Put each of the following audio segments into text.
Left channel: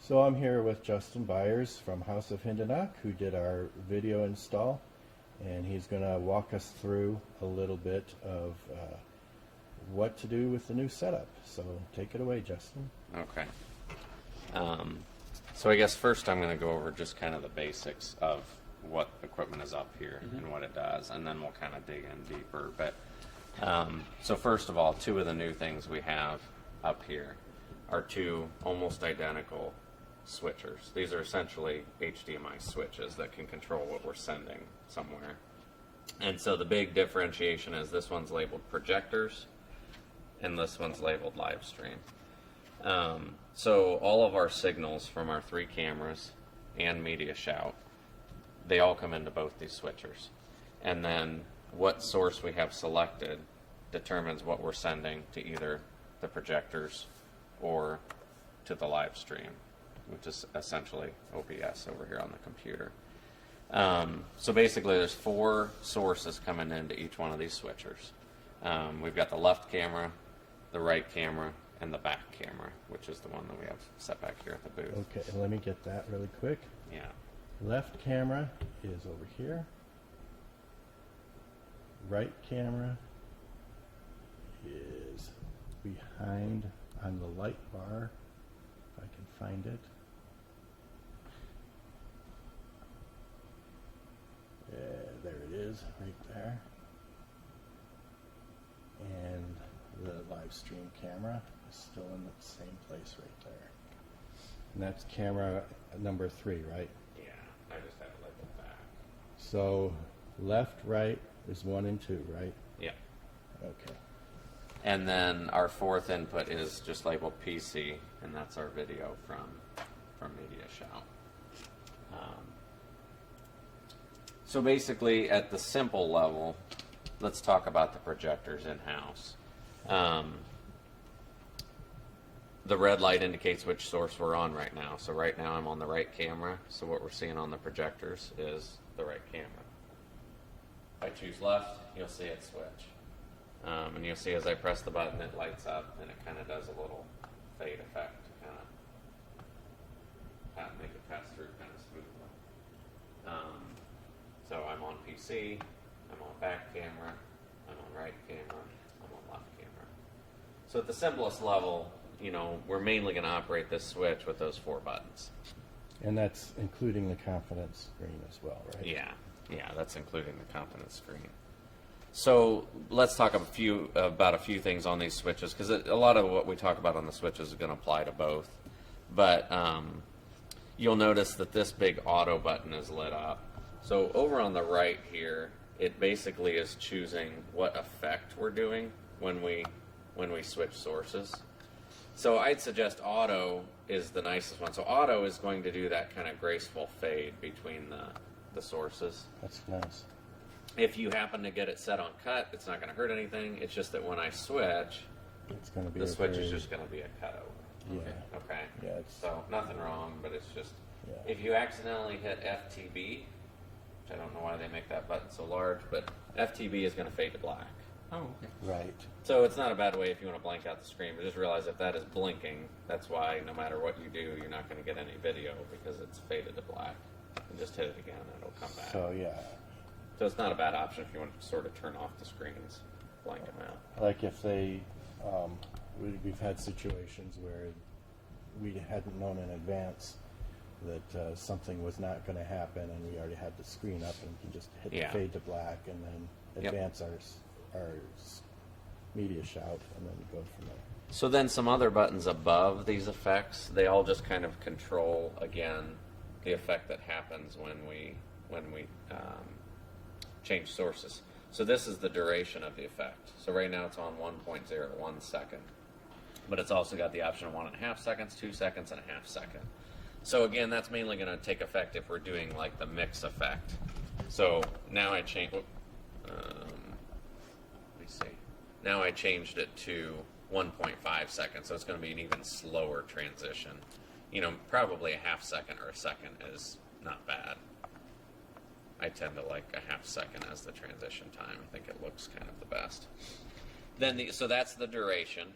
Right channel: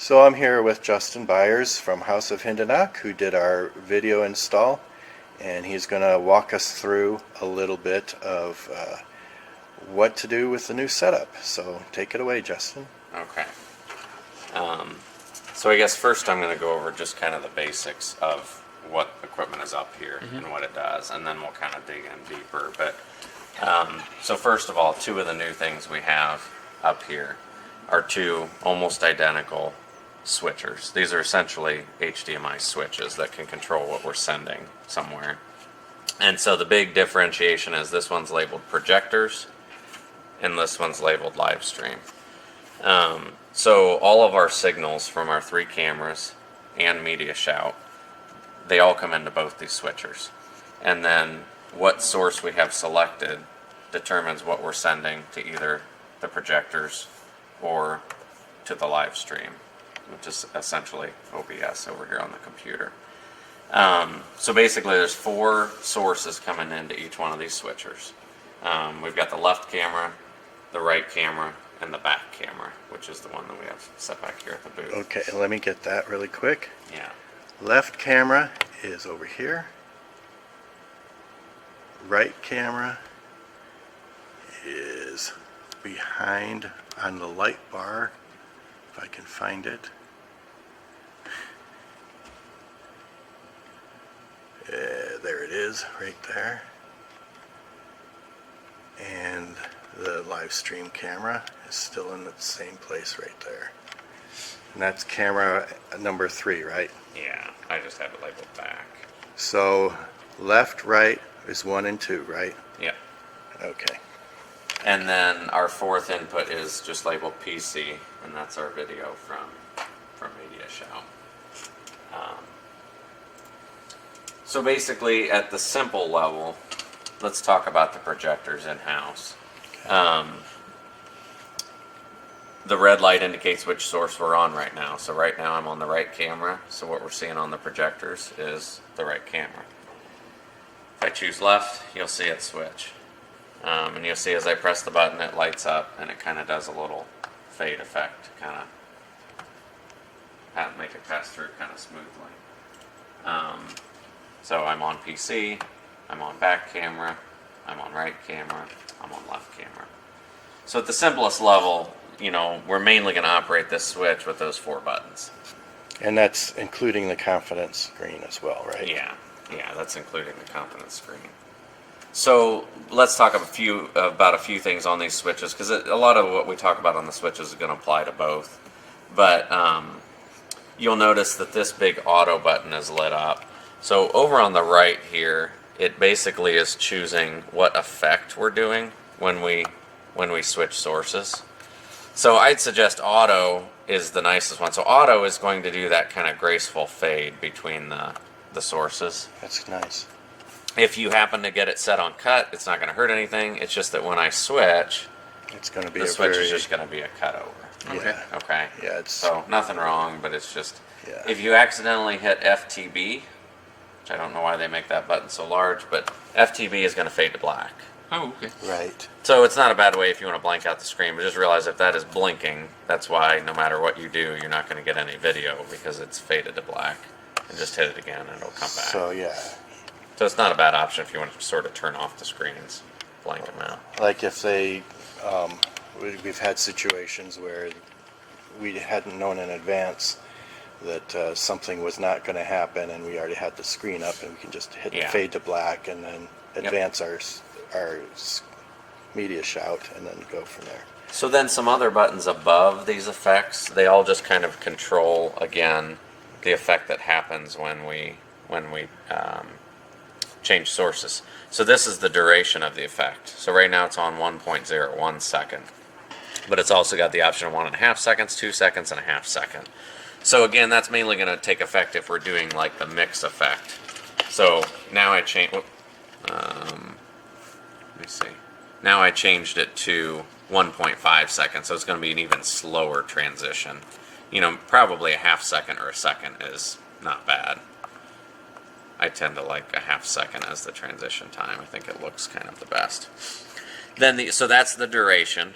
So I'm here with Justin Byers from House of Hindenach, who did our video install, and he's going to walk us through a little bit of what to do with the new setup. So take it away, Justin. Okay. So I guess first I'm going to go over just kind of the basics of what equipment is up here and what it does, and then we'll kind of dig in deeper. But so first of all, two of the new things we have up here are two almost identical switchers. These are essentially HDMI switches that can control what we're sending somewhere. And so the big differentiation is this one's labeled projectors and this one's labeled live stream. So all of our signals from our three cameras and Media Shout, they all come into both these switchers. And then what source we have selected determines what we're sending to either the projectors or to the live stream, which is essentially OBS over here on the computer. So basically there's four sources coming into each one of these switchers. We've got the left camera, the right camera, and the back camera, which is the one that we have set back here at the booth. Okay, let me get that really quick. Yeah. Left camera is over here. Right camera is behind on the light bar, if I can find it. There it is, right there. And the live stream camera is still in the same place right there. And that's camera number 3, right? Yeah, I just have it labeled back. So left, right is 1 and 2, right? Yeah. Okay. And then our fourth input is just labeled PC, and that's our video from Media Shout. So basically, at the simple level, let's talk about the projectors in-house. Okay. The red light indicates which source we're on right now. So right now I'm on the right camera, so what we're seeing on the projectors is the right camera. If I choose left, you'll see it switch. And you'll see as I press the button, it lights up, and it kind of does a little fade effect to kind of make it pass through kind of smoothly. So I'm on PC, I'm on back camera, I'm on right camera, I'm on left camera. So at the simplest level, you know, we're mainly going to operate this switch with those 4 buttons. And that's including the confidence screen as well, right? Yeah, that's including the confidence screen. So let's talk about a few things on these switches, because a lot of what we talk about on the switches is going to apply to both. But you'll notice that this big auto button is lit up. So over on the right here, it basically is choosing what effect we're doing when we switch sources. So I'd suggest auto is the nicest one. So auto is going to do that kind of graceful fade between the sources. That's nice. If you happen to get it set on cut, it's not going to hurt anything. It's just that when I switch, It's going to be the a switch very... is just going to be a cut over. Yeah. Okay. Yeah, it's... So nothing wrong, but it's just Yeah. if you accidentally hit FTB, which I don't know why they make that button so large, but FTB is going to fade to black. Oh, okay. Right. So it's not a bad way if you want to blank out the screen, but just realize if that is blinking, that's why no matter what you do, you're not going to get any video because it's faded to black. And just hit it again and it'll come back. So yeah, So it's not a bad option if you want to sort of turn off the screens, blank them out. like if they, we've had situations where we hadn't known in advance that something was not going to happen, and we already had the screen up, and we can just hit the Yeah. fade to black, and then advance our Media Shout, and then go from there. So then some other buttons above these effects, they all just kind of control, again, the effect that happens when we change sources. So this is the duration of the effect. So right now it's on 1.01 second. But it's also got the option of 1.5 seconds, 2 seconds, and a half second. So again, that's mainly going to take effect if we're doing like the mix effect. So now I change. Let me see. Now I changed it to 1.5 seconds, so it's going to be an even slower transition. You know, probably a half second or a second is not bad. I tend to like a half second as the transition time. I think it looks kind of the best. Then so that's the duration.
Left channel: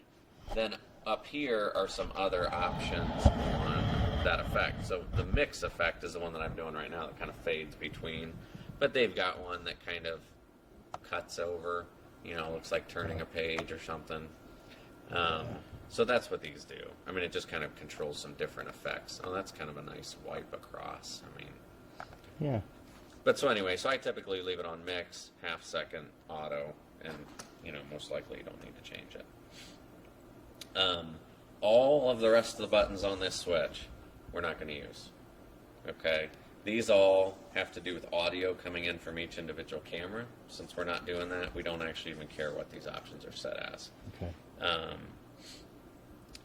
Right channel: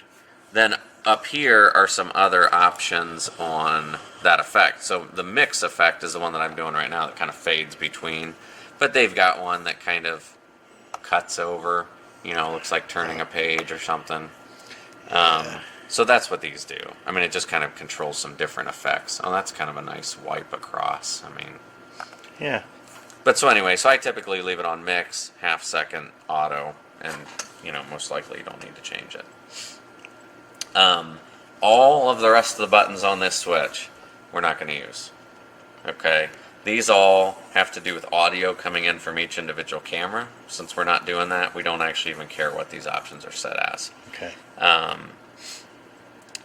Then up here are some other options on that effect. So the mix effect is the one that I'm doing right now that kind of fades between, but they've got one that kind of cuts over, looks like turning a page or something. So that's what these do. I mean, it just kind of controls some different effects. Oh, that's kind of a nice wipe across. I mean, Yeah. but so anyway, so I typically leave it on mix, half second, auto, and most likely you don't need to change it. All of the rest of the buttons on this switch, we're not going to use. Okay? These all have to do with audio coming in from each individual camera. Since we're not doing that, we don't actually even care what these options are set as. Okay.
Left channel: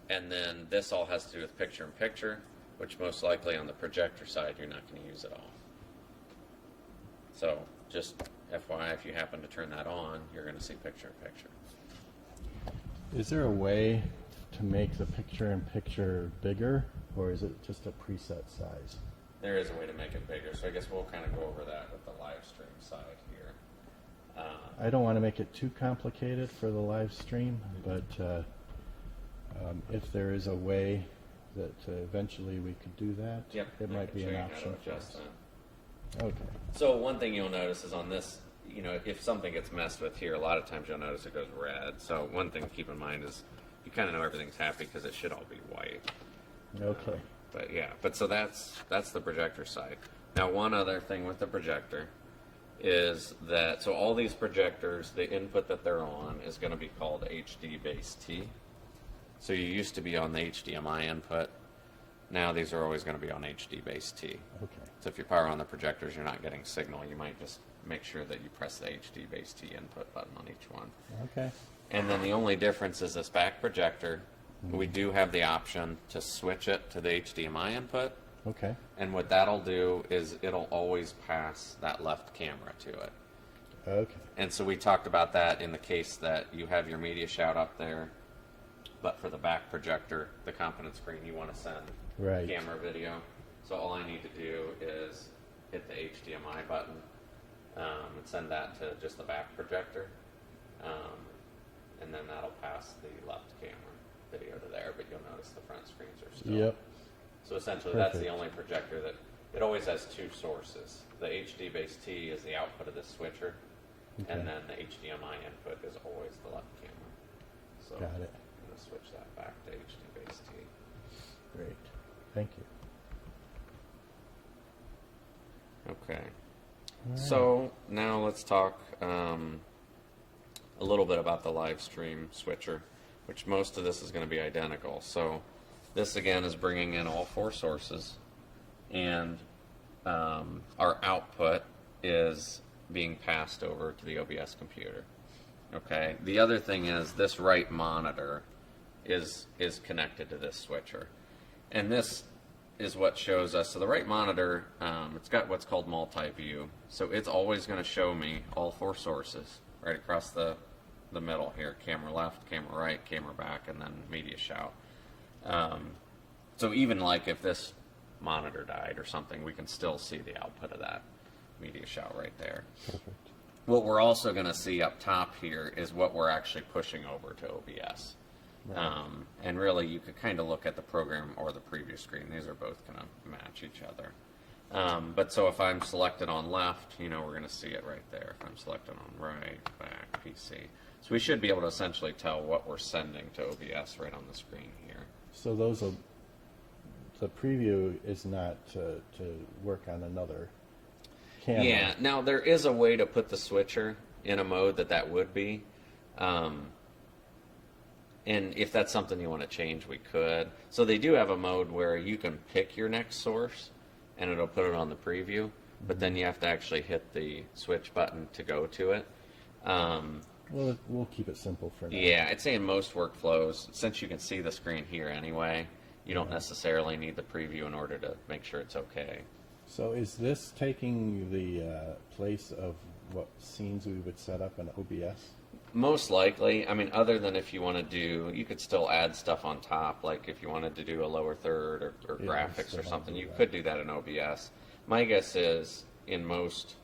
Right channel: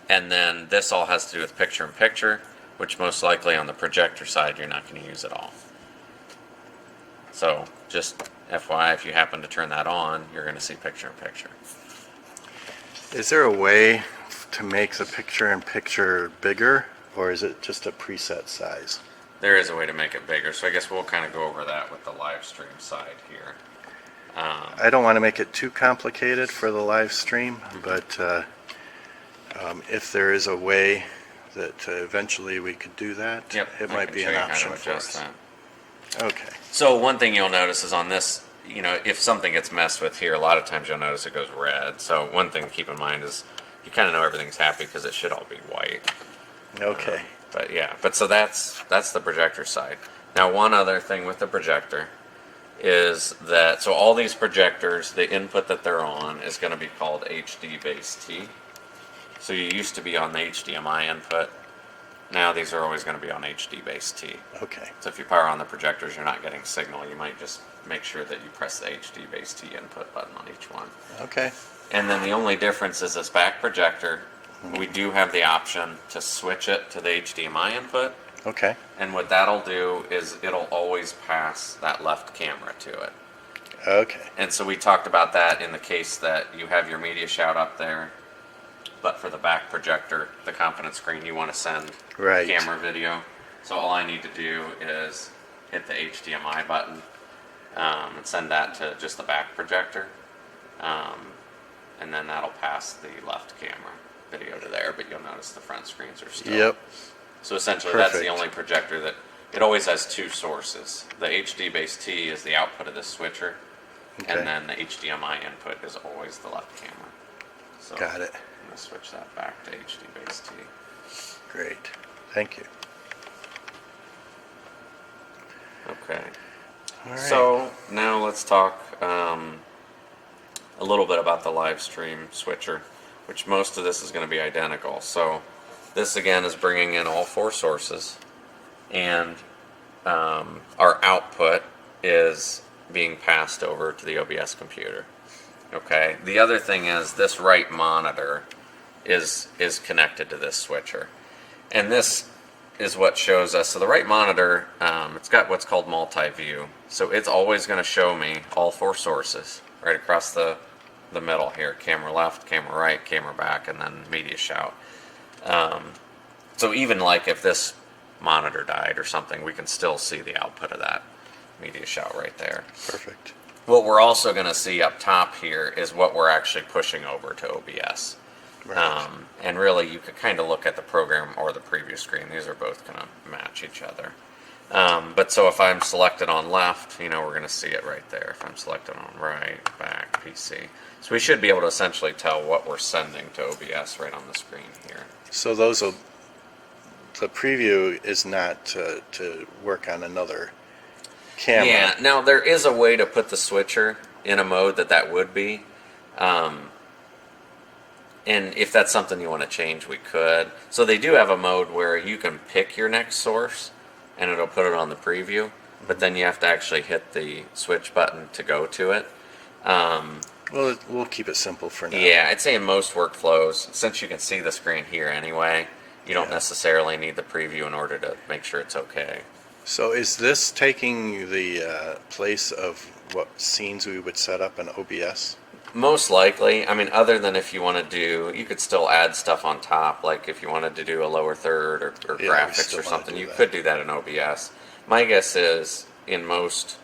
And then this all has to do with picture-in-picture, which most likely on the projector side you're not going to use at all. So just FYI, if you happen to turn that on, you're going to see picture-in-picture. Is there a way to make the picture-in-picture bigger, or is it just a preset size? There is a way to make it bigger, so I guess we'll kind of go over that with the live stream side here. I don't want to make it too complicated for the live stream, but if there is a way that eventually we could do that, Yep, it I might can be show an you kind option of for adjust us. that. Okay. So one thing you'll notice is on this, if something gets messed with here, a lot of times you'll notice it goes red. So one thing to keep in mind is you kind of know everything's happy because it should all be white. Okay. But yeah, so that's the projector side. Now one other thing with the projector is that, so all these projectors, the input that they're on is going to be called HD base T. So you used to be on the HDMI input. Now these are always going to be on HD base T. Okay. So if you power on the projectors, you're not getting signal. You might just make sure that you press the HD base T input button on each one. Okay. And then the only difference is this back projector. We do have the option to switch it to the HDMI input. Okay. And what that'll do is it'll always pass that left camera to it. Okay. And so we talked about that in the case that you have your media shout up there, but for the back projector, the confidence screen, you want to send Right. camera video. So all I need to do is hit the HDMI button and send that to just the back projector. And then that'll pass the left camera video to there, but you'll notice the front screens are still. Yep. So essentially that's the Perfect. only projector that, it always has two sources. The HD base T is the output of this switcher, Okay. and then the HDMI input is always the left camera. So Got it. I'm going to switch that back to HD base T. Great. Thank you. Okay. All right. So now let's talk a little bit about the live stream switcher, which most of this is going to be identical. So this again is bringing in all four sources, and our output is being passed over to the OBS computer. Okay. The other thing is this right monitor is connected to this switcher, and this is what shows us. So the right monitor, it's got what's called multi-view. So it's always going to show me all four sources right across the middle here: camera left, camera right, camera back, and then media shout. So even like if this monitor died or something, we can still see the output of that media shout right there. Perfect. What we're also going to see up top here is what we're actually pushing over to OBS. Right. And really, you could kind of look at the program or the preview screen. These are both going to match each other. But so if I'm selected on left, we're going to see it right there. If I'm selected on right, back, PC. So we should be able to essentially tell what we're sending to OBS right on the screen here. So the preview is not to work on another camera. Yeah, now there is a way to put the switcher in a mode that would be. And if that's something you want to change, we could. So they do have a mode where you can pick your next source, and it'll put it on the preview. But then you have to actually hit the switch button to go to it. Well, we'll keep it simple for now. Yeah, I'd say in most workflows, since you can see the screen here anyway, you don't Yeah. necessarily need the preview in order to make sure it's okay. So is this taking the place of what scenes we would set up in OBS? Most likely. I mean, other than if you want to do, you could still add stuff on top, like if you wanted to do a lower third or Yeah, we graphics still or wanna something, do you that. could do that in OBS. My guess is in most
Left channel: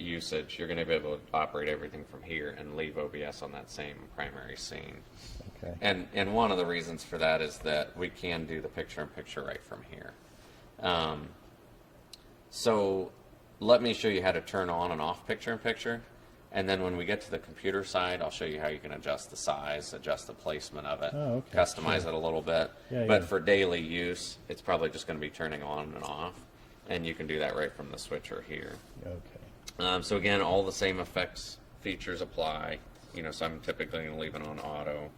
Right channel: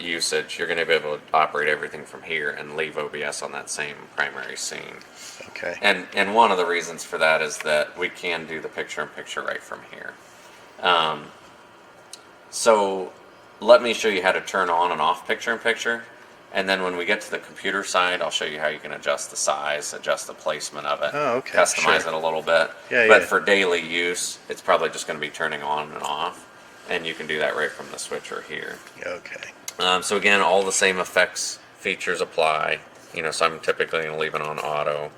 usage, you're going to be able to operate everything from here and leave OBS on that same primary scene. Okay. And one of the reasons for that is that we can do the picture-in-picture right from here. So let me show you how to turn on and off picture-in-picture. And then when we get to the computer side, I'll show you how you can adjust the size, adjust the placement of it, Oh, okay, customize sure. it a little bit. Yeah, but yeah. for daily use, it's probably just going to be turning on and off. And you can do that right from the switcher here. Okay. So again, all the same effects features apply. So I'm typically going to leave it on auto,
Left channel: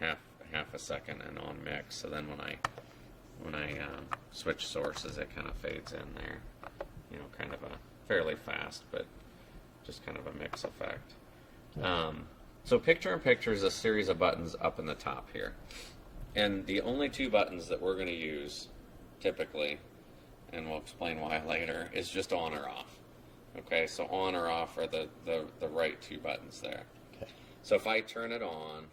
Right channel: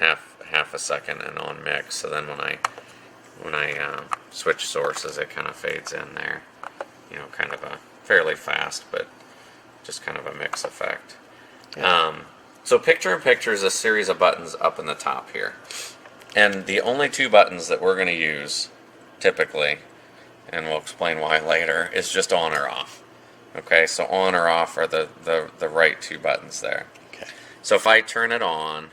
half a second, and on mix. So then when I switch sources, it kind of fades in there. Kind of a fairly fast, but just kind of a mix effect. Yeah. So picture-in-picture is a series of buttons up in the top here, and the only two buttons that we're going to use typically, and we'll explain why later, is just on or off. Okay, so on or off are the right two buttons there. Okay. So if I turn it on,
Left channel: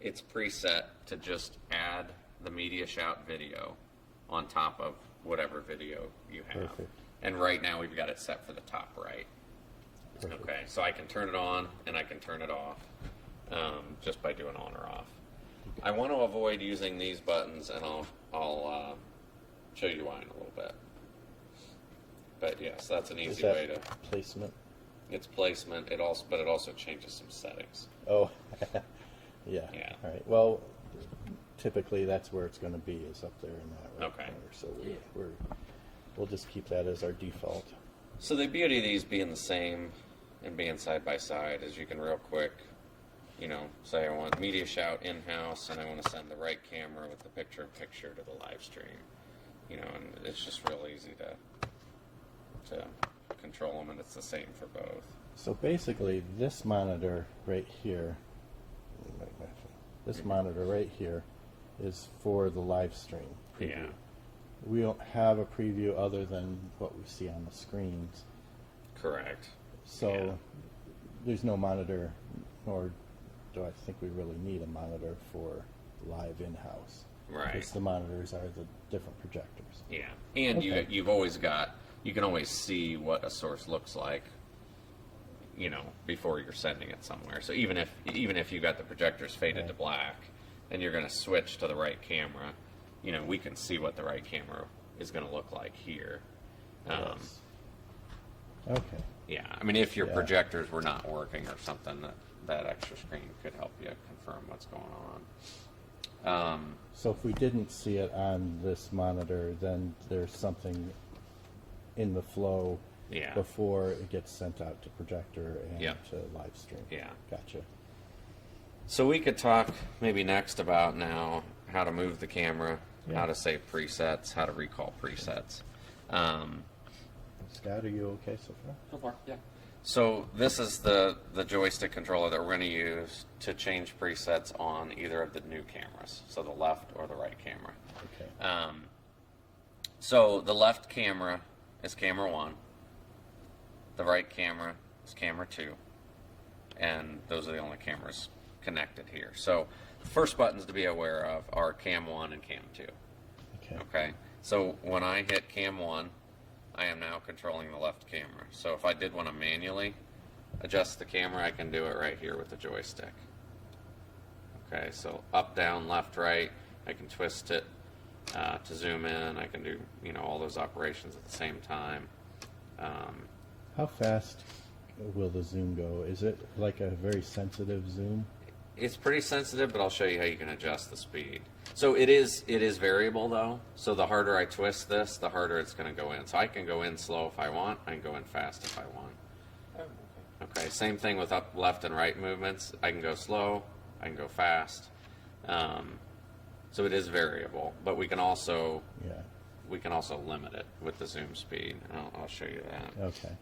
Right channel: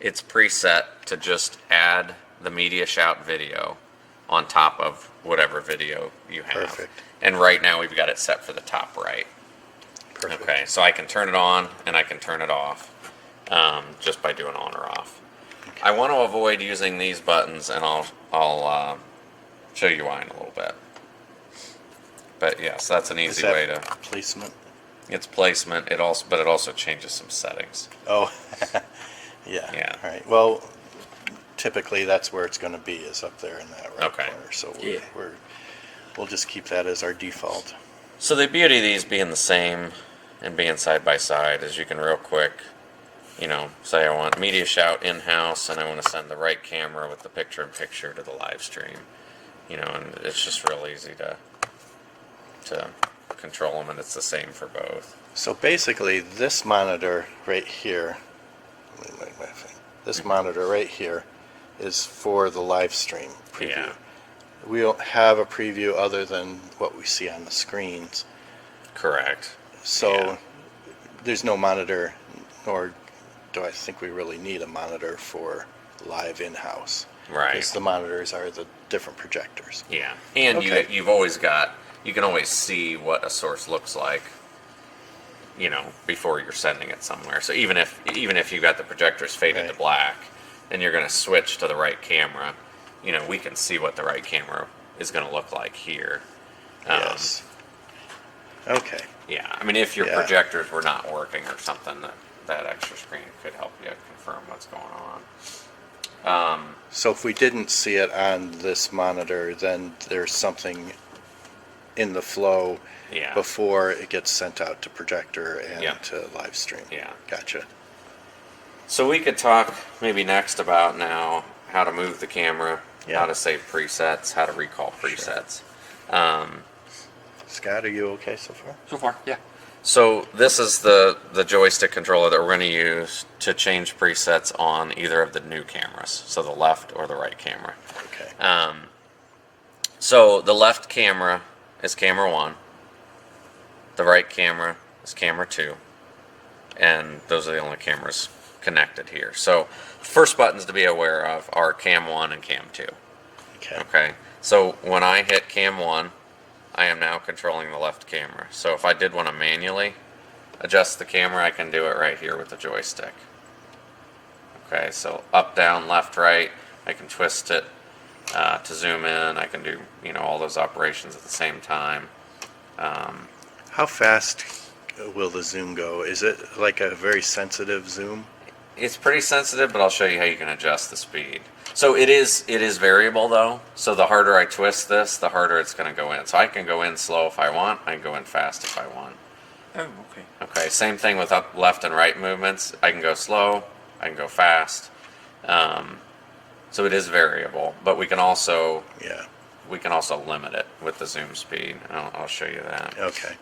it's preset to just add the media shout video on top of whatever video you have. Perfect. And right now we've got it set for the top right. Perfect. Okay, so I can turn it on and I can turn it off just by doing on or off. Okay. I want to avoid using these buttons, and I'll show you why in a little bit. But yes, that's an Is easy that way to. placement? It's placement. But it also changes some settings. Oh, yeah. Yeah. All right. Well, typically that's where it's going to be, is up there in that right Okay. corner. So Yeah. we'll just keep that as our default. So the beauty of these being the same and being side by side is you can real quick, say I want media shout in-house and I want to send the right camera with the picture-in-picture to the live stream, and it's just real easy to control them, and it's the same for both. So basically, this monitor right here, let me make my thing. This monitor right here is for the live stream preview. Yeah. We don't have a preview other than what we see on the screens. Correct. So Yeah. there's no monitor, nor do I think we really need a monitor for live in-house. Right. Because the monitors are the different projectors. Yeah. And Okay. you can always see what a source looks like, before you're sending it somewhere. So even if you've got the projectors faded to Right. black and you're going to switch to the right camera, we can see what the right camera is going to look like here. Yes. Okay. Yeah. I mean, if your Yeah. projectors were not working or something, that extra screen could help you confirm what's going on. So if we didn't see it on this monitor, then there's something in the flow Yeah. before it gets sent out to projector and Yeah. to live stream. Yeah. Gotcha. So we could talk maybe next about now how to move the camera, Yeah. how to save presets, how to recall presets. Scott, are you okay so far? So far, yeah. So this is the joystick controller that we're going to use to change presets on either of the new cameras, so the left or the right camera. Okay. So the left camera is camera 1, the right camera is camera 2, and those are the only cameras connected here. So first buttons to be aware of are cam 1 and cam 2. Okay. Okay, so when I hit cam 1, I am now controlling the left camera. So if I did want to manually adjust the camera, I can do it right here with the joystick. Okay, so up, down, left, right, I can twist it to zoom in. I can do, all those operations at the same time. How fast will the zoom go? Is it like a very sensitive zoom? It's pretty sensitive, but I'll show you how you can adjust the speed. So it is variable though. So the harder I twist this, the harder it's going to go in. So I can go in slow if I want. I can go in fast if I want. Oh, okay. Okay, same thing with up, left, and right movements. I can go slow. I can go fast. So it is variable, but we can also Yeah. limit it with the zoom speed. I'll show you that. Okay.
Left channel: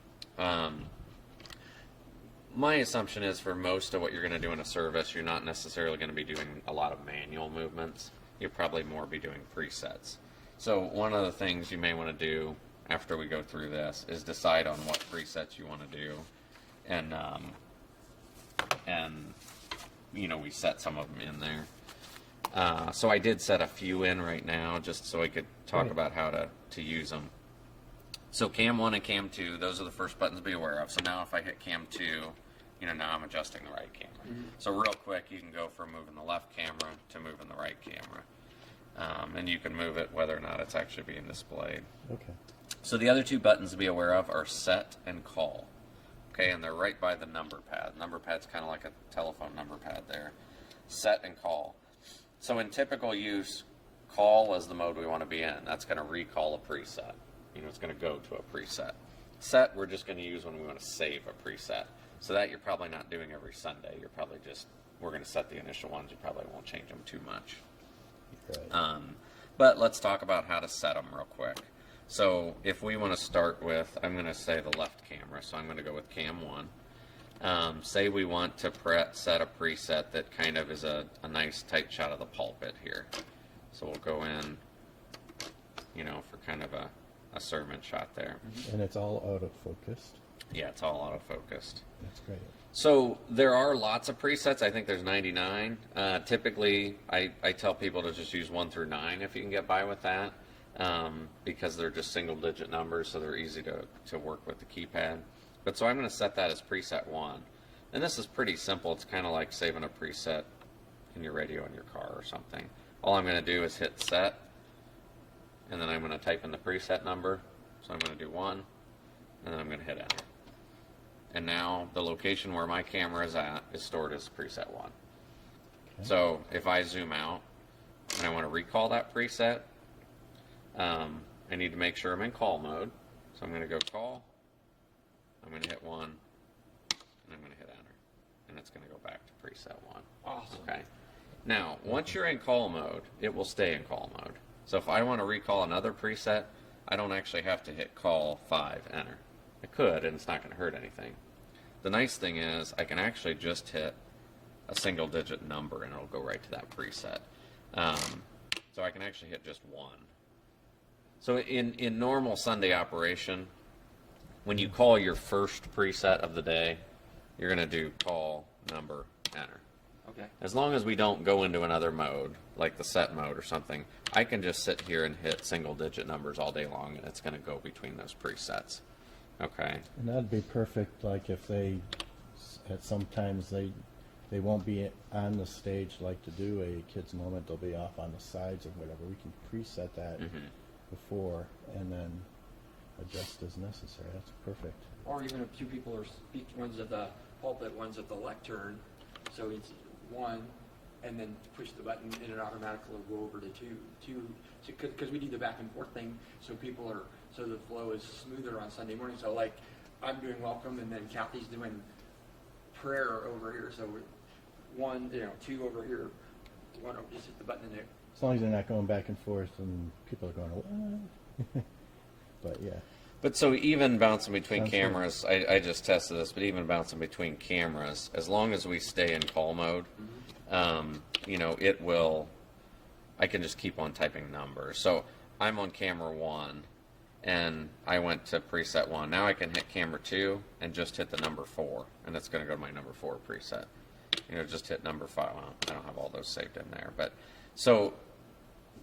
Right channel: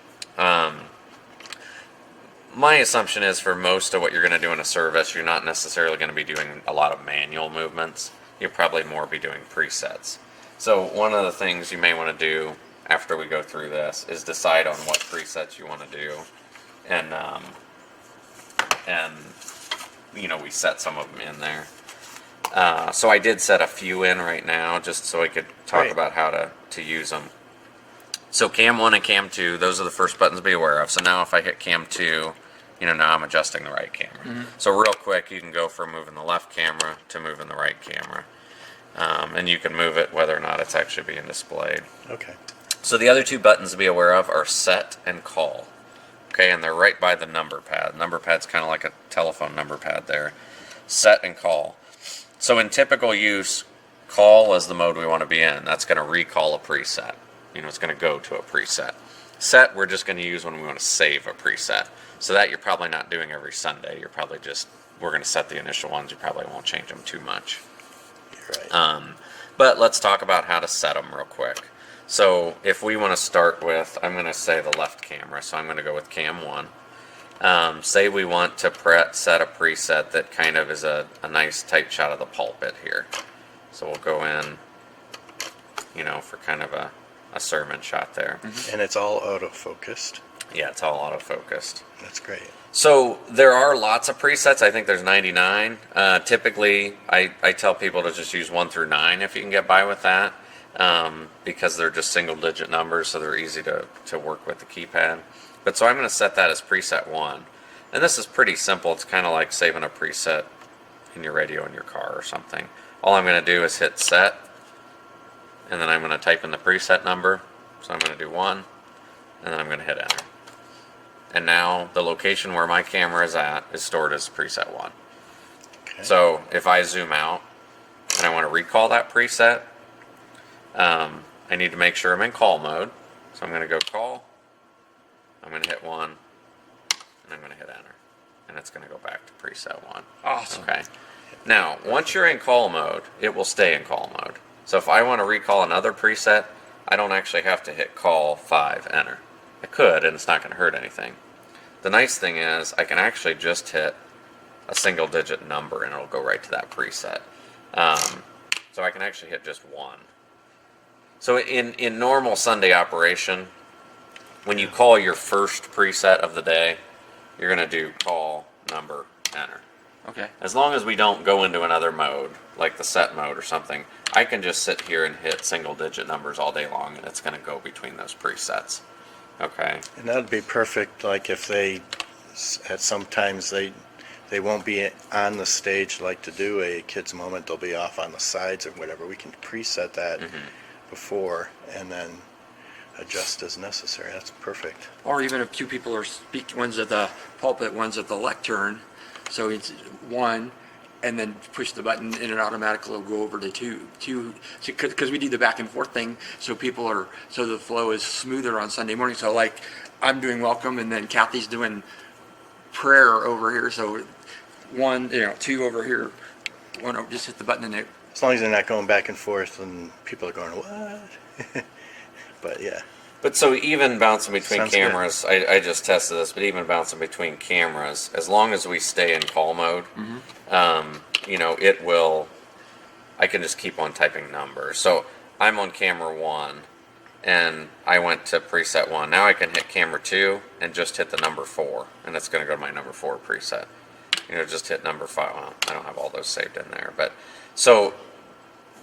My assumption is for most of what you're going to do in a service, you're not necessarily going to be doing a lot of manual movements. You'll probably more be doing presets. So one of the things you may want to do after we go through this is decide on what presets you want to do, and we set some of them in there. So I did set a few in right now just so I could talk Great. about how to use them. So cam 1 and cam 2, those are the first buttons to be aware of. So now if I hit cam 2, now I'm adjusting the right camera. So real quick, you can go from moving the left camera to moving the right camera. And you can move it whether or not it's actually being displayed. Okay. So the other two buttons to be aware of are set and call. Okay, and they're right by the number pad. Number pad's kind of like a telephone number pad there. Set and call. So in typical use, call is the mode we want to be in. That's going to recall a preset. It's going to go to a preset. Set, we're just going to use when we want to save a preset. So that you're probably not doing every Sunday. You're probably we're going to set the initial ones. You probably won't change them too much. You're right. But let's talk about how to set them real quick. So if we want to start with, I'm going to say the left camera. So I'm going to go with cam 1. Say we want to set a preset that kind of is a nice tight shot of the pulpit here. So we'll go in, for kind of a sermon shot there. And it's all auto-focused. Yeah, it's all auto-focused. That's great. So there are lots of presets. I think there's 99. Typically, I tell people to just use 1 through 9 if you can get by with that, because they're just single-digit numbers, so they're easy to work with the keypad. But so I'm going to set that as preset 1. And this is pretty simple. It's kind of like saving a preset in your radio in your car or something. All I'm going to do is hit set, and then I'm going to type in the preset number. So I'm going to do 1, and then I'm going to hit enter. And now the location where my camera is at is stored as preset 1. Okay. So if I zoom out and I want to recall that preset, I need to make sure I'm in call mode. So I'm going to go call, I'm going to hit 1, and I'm going to hit enter. And it's going to go back to preset 1. Awesome. Okay. Now, once you're in call mode, it will stay in call mode. So if I want to recall another preset, I don't actually have to hit call 5, enter. I could, and it's not going to hurt anything. The nice thing is I can actually just hit a single digit number and it'll go right to that preset. So I can actually hit just 1. So in normal Sunday operation, when you call your first preset of the day, you're going to do call, number, enter. Okay. As long as we don't go into another mode, like the set mode or something, I can just sit here and hit single digit numbers all day long and it's going to go between those presets. Okay. And that'd be perfect, like if at sometimes they won't be on the stage like to do a kids moment, they'll be off on the sides or whatever. We can preset that before and then adjust as necessary. That's perfect. Or even if two people are one's at the pulpit, one's at the lectern, so it's 1, and then push the button and it automatically will go over to 2, because we do the back and forth thing, so the flow is smoother on Sunday morning. So like I'm doing welcome and then Kathy's doing prayer over here, so 1, 2 over here, 1 over, just hit the button and it. As long as they're not going back and forth and people are going, what? But yeah. But so even bouncing between Sounds cameras, I just tested this, but even bouncing between cameras, as long as we stay in call mode, it will, I can just keep on typing numbers. So I'm on camera 1 and I went to preset 1. Now I can hit camera 2 and just hit the number 4 and it's going to go to my number 4 preset. Just hit number 5. Well, I don't have all those saved in there, but so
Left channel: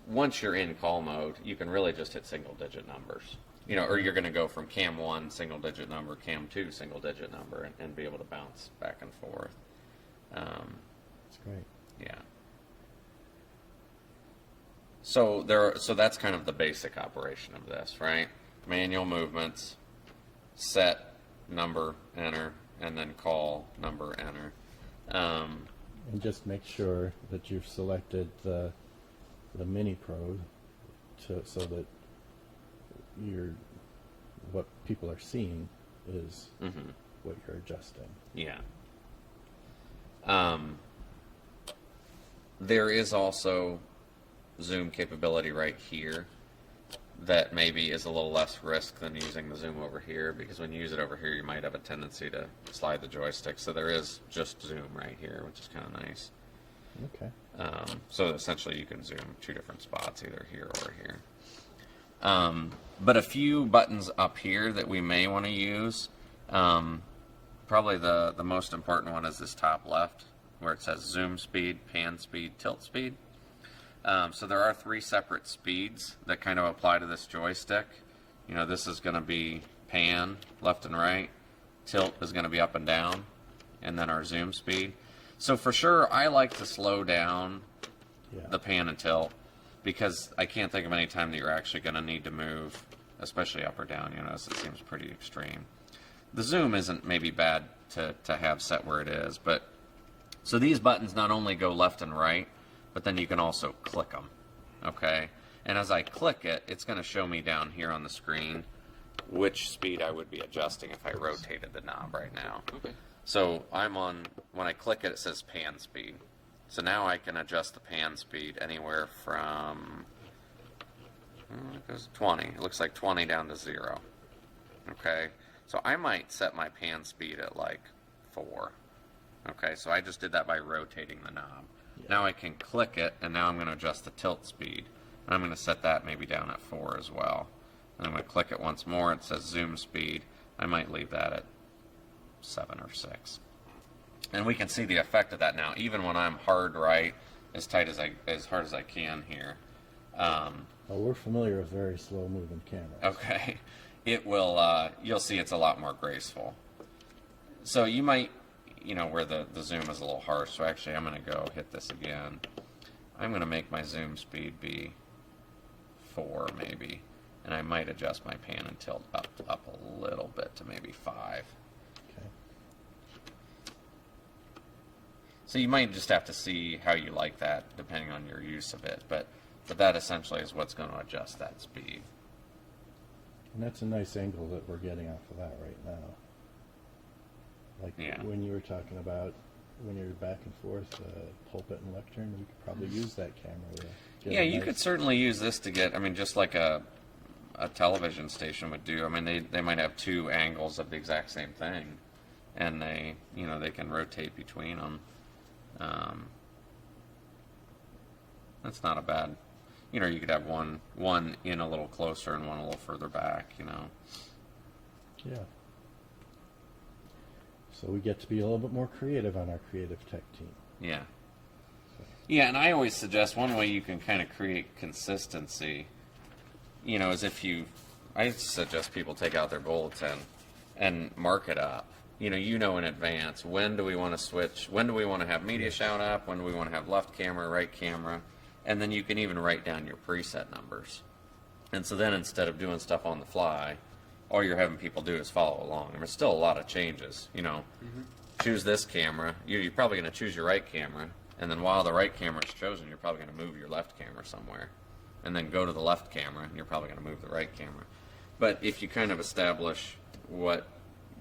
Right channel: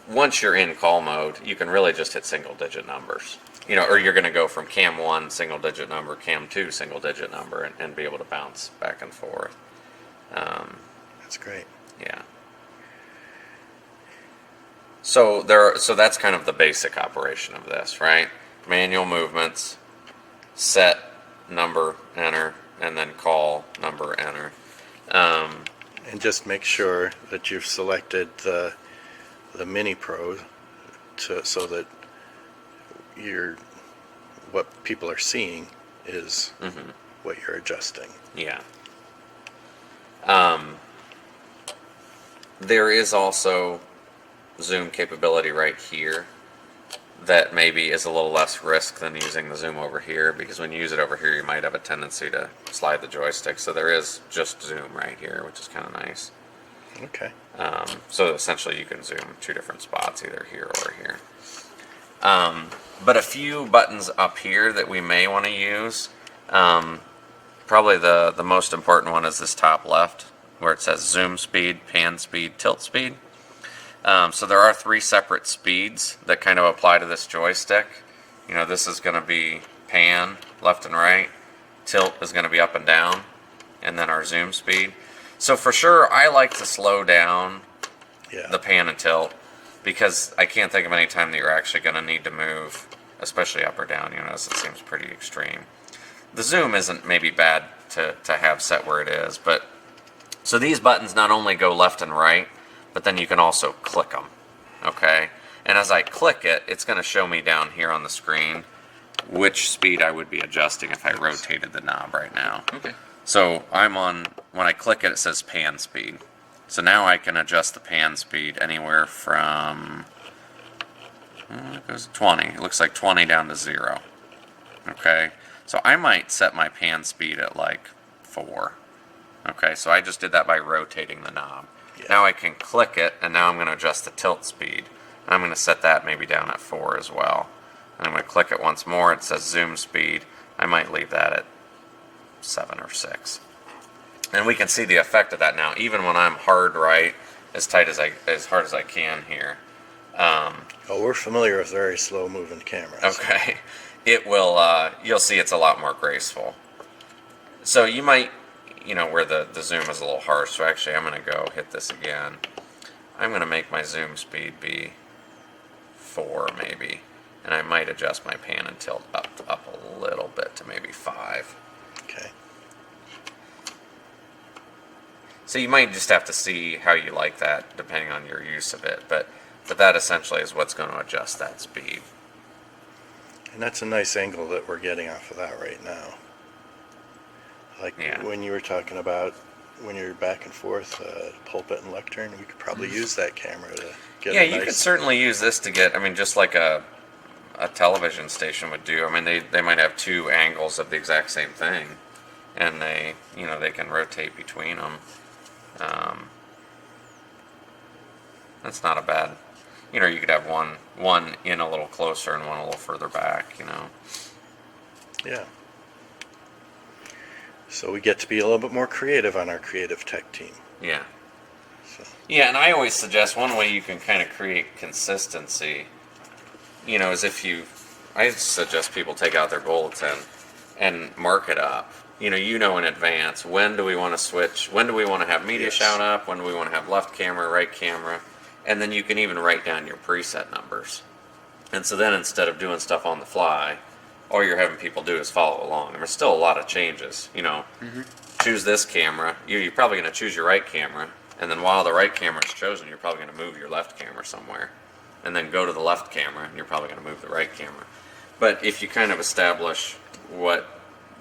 once you're in call mode, you can really just hit single digit numbers. Or you're going to go from cam 1 single digit number, cam 2 single digit number, and be able to bounce back and forth. That's great. Yeah. So that's kind of the basic operation of this, right? Manual movements, set, number, enter, and then call, number, enter. And just make sure that you've selected the Mini Pro so that what people are seeing is what you're adjusting. Yeah. There is also zoom capability right here that maybe is a little less risk than using the zoom over here, because when you use it over here you might have a tendency to slide the joystick. So there is just zoom right here, which is kind of nice. Okay. So essentially you can zoom 2 different spots, either here or here. But a few buttons up here that we may want to use, probably the most important one is this top left, where it says zoom speed, pan speed, tilt speed. So there are 3 separate speeds that kind of apply to this joystick. You know, this is going to be pan, left and right. Tilt is going to be up and down. And then our zoom speed. So for sure, I like to slow down the pan and tilt, because I can't think of any time that you're actually going to need to move, especially up or down, you know, as it seems pretty extreme. The zoom isn't maybe bad to have set where it is, but so these buttons not only go left and right, but then you can also click them, okay? And as I click it, it's going to show me down here on the screen which speed I would be adjusting if I rotated the knob right now. Okay. So I'm on, when I click it, it says pan speed. So now I can adjust the pan speed anywhere from, it goes 20. It looks like 20 down to 0. Okay. So I might set my pan speed at like 4. Okay. So I just did that by rotating the knob. Yeah. Now I can click it, and now I'm going to adjust the tilt speed. And I'm going to set that maybe down at 4 as well. And I'm going to click it once more. It says zoom speed. I might leave that at 7 or 6, and we can see the effect of that now. Even when I'm hard right, as hard as I can here. Oh, we're familiar with very slow moving cameras. Okay, it will. You'll see it's a lot more graceful. So you might, you know, where the zoom is a little harsh. So actually, I'm going to go hit this again. I'm going to make my zoom speed be 4 maybe, and I might adjust my pan and tilt up a little bit to maybe 5. Okay. So you might just have to see how you like that depending on your use of it, but that essentially is what's going to adjust that speed. And that's a nice angle that we're getting off of that right now. Like when you were talking about when you're back and forth, pulpit and lectern, we could probably use that camera to get a nice... you could certainly use this to get, I mean, just like a television station would do. I mean, they might have 2 angles of the exact same thing, and they can rotate between them. That's not a bad, you know, you could have one in a little closer and one a little further back, you know. Yeah. So we get to be a little bit more creative on our creative tech team. Yeah. So. Yeah, and I always suggest one way you can kind of create consistency, you know, is I suggest people take out their bulletin and mark it up. You know in advance, when do we want to switch? When do we want to have media shout up? When do we want to have left camera, right camera? And then you can even write down your preset numbers. And so then instead of doing stuff on the fly, all you're having people do is follow along. And there's still a lot of changes, you know. Mm-hmm. Choose this camera. You're probably going to choose your right camera. And then while the right camera is chosen, you're probably going to move your left camera somewhere. And then go to the left camera, and you're probably going to move the right camera. But if you kind of establish what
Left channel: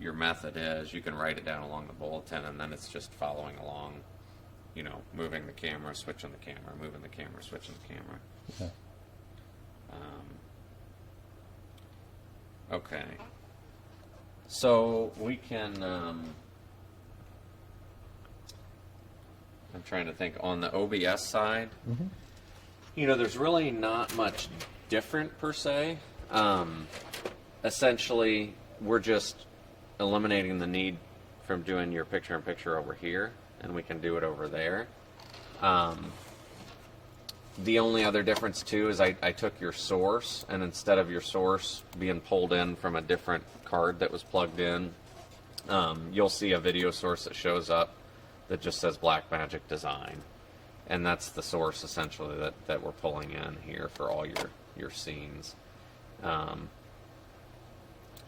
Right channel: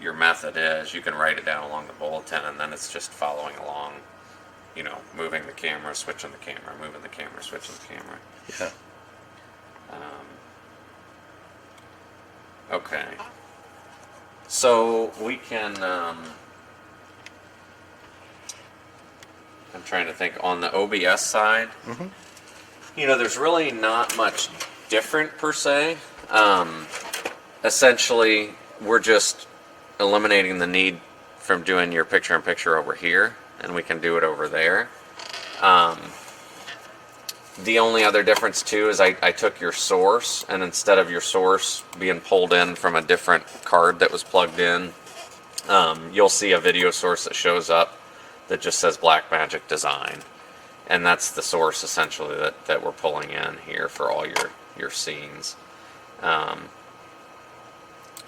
your method is, you can write it down along the bulletin, and then it's just following along, you know, moving the camera, switching the camera, moving the camera, switching the camera. Yeah. Okay. So we can, I'm trying to think, on the OBS side, you know, there's really not much different per se. Essentially, we're just eliminating the need from doing your picture-in-picture over here, and we can do it over there. The only other difference, too, is I took your source, and instead of your source being pulled in from a different card that was plugged in, you'll see a video source that shows up that just says Blackmagic Design. And that's the source, essentially, that we're pulling in here for all your scenes.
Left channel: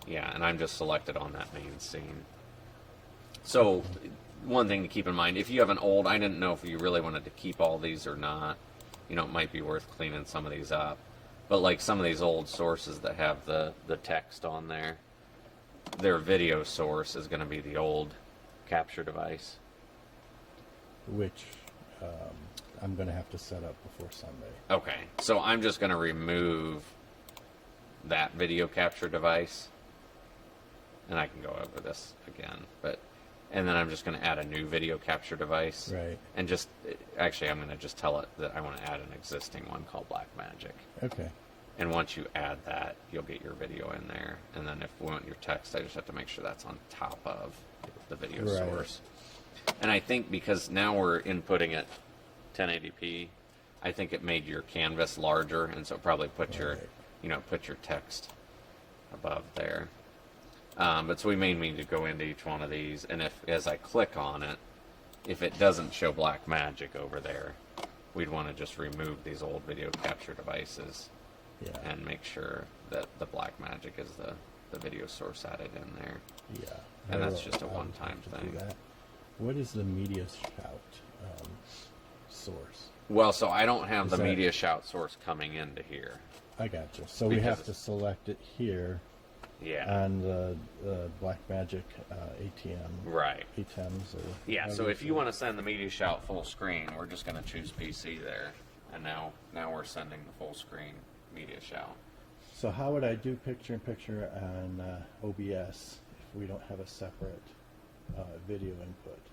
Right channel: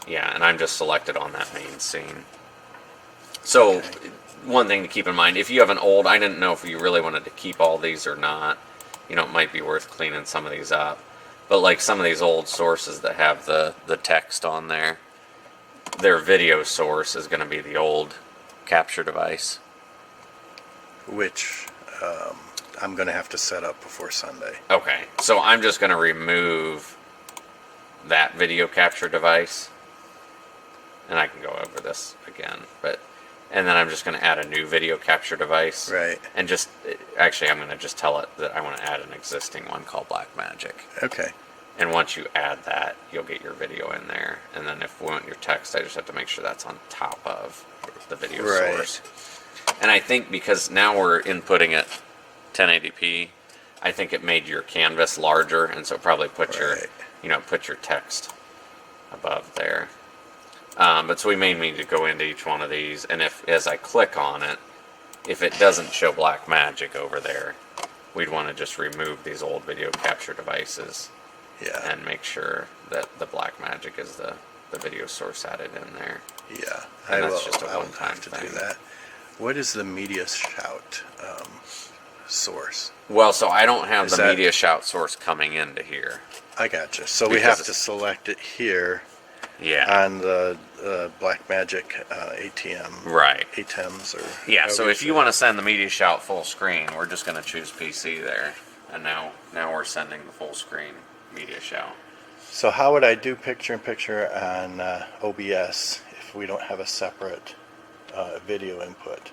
Yeah, and I'm just selected on that main scene. So, one thing to keep in mind, if you have an old, I didn't know if you really wanted to keep all these or not. You know, it might be worth cleaning some of these up. But like some of these old sources that have the text on there, their video source is going to be the old capture device. Which I'm going to have to set up before Sunday. Okay, so I'm just going to remove that video capture device. And I can go over this again, and then I'm just going to add a new video capture device. Right. And actually, I'm going to just tell it that I want to add an existing one called Blackmagic. Okay. And once you add that, you'll get your video in there. And then if we want your text, I just have to make sure that's on top of the video source. And I think because now we're inputting it 1080p, I think it made your canvas larger, and so probably put your text above there. But so we may need to go into each one of these, and if as I click on it, if it doesn't show Black Magic over there, we'd want to just remove these old video capture devices Yeah. and make sure that the Black Magic is the video source added in there. Yeah. And that's just a I will one-time have to do thing. that. What is the Media Shout source? Well, so I don't have Is the that- media shout source coming into here. I gotcha. So we Because have to it's- select it here Yeah. on the Blackmagic ATM. Right. ATEMs or Yeah, however so if say you it. want to send the media shout full screen, we're just going to choose PC there. And now we're sending the full screen media shout. So how would I do picture-in-picture on OBS if we don't have a separate video input?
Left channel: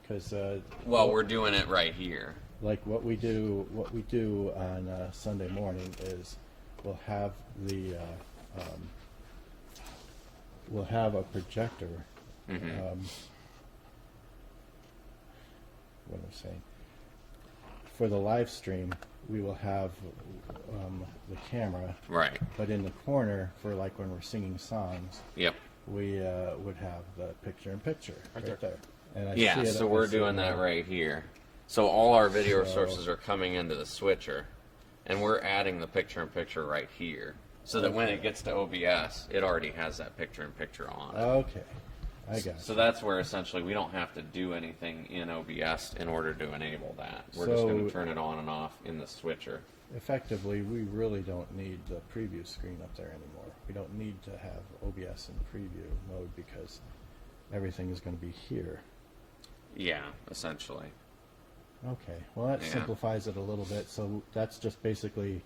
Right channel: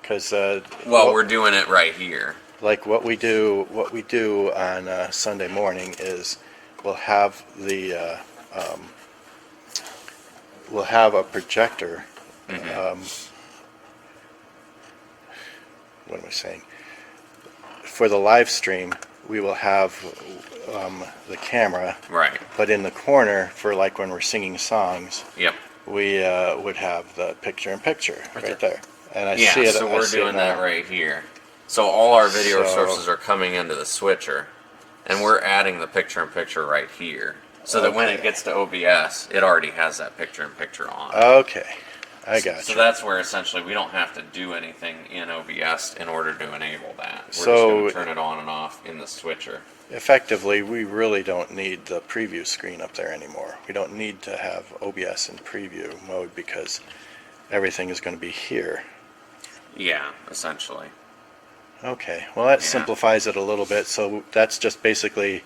Because Well, we're doing it right here. like what we do on Sunday morning is we'll have we'll have a projector. What am I saying? For the live stream, we will have the camera, Right. but in the corner for like when we're singing songs, Yep. we would have the picture-in-picture right there. And I Yeah, see it. so I we're see it doing that now. right here. So all our video So- sources are coming into the switcher, and we're adding the picture-in-picture right here. So that when it Okay. gets to OBS, it already has that picture-in-picture on. Okay, I got So you. that's where essentially we don't have to do anything in OBS in order to enable that. We're just So- going to turn it on and off in the switcher. Effectively, we really don't need the preview screen up there anymore. We don't need to have OBS in preview mode because everything is going to be here. Yeah, essentially. Okay, well that Yeah. simplifies it a little bit. So that's just basically,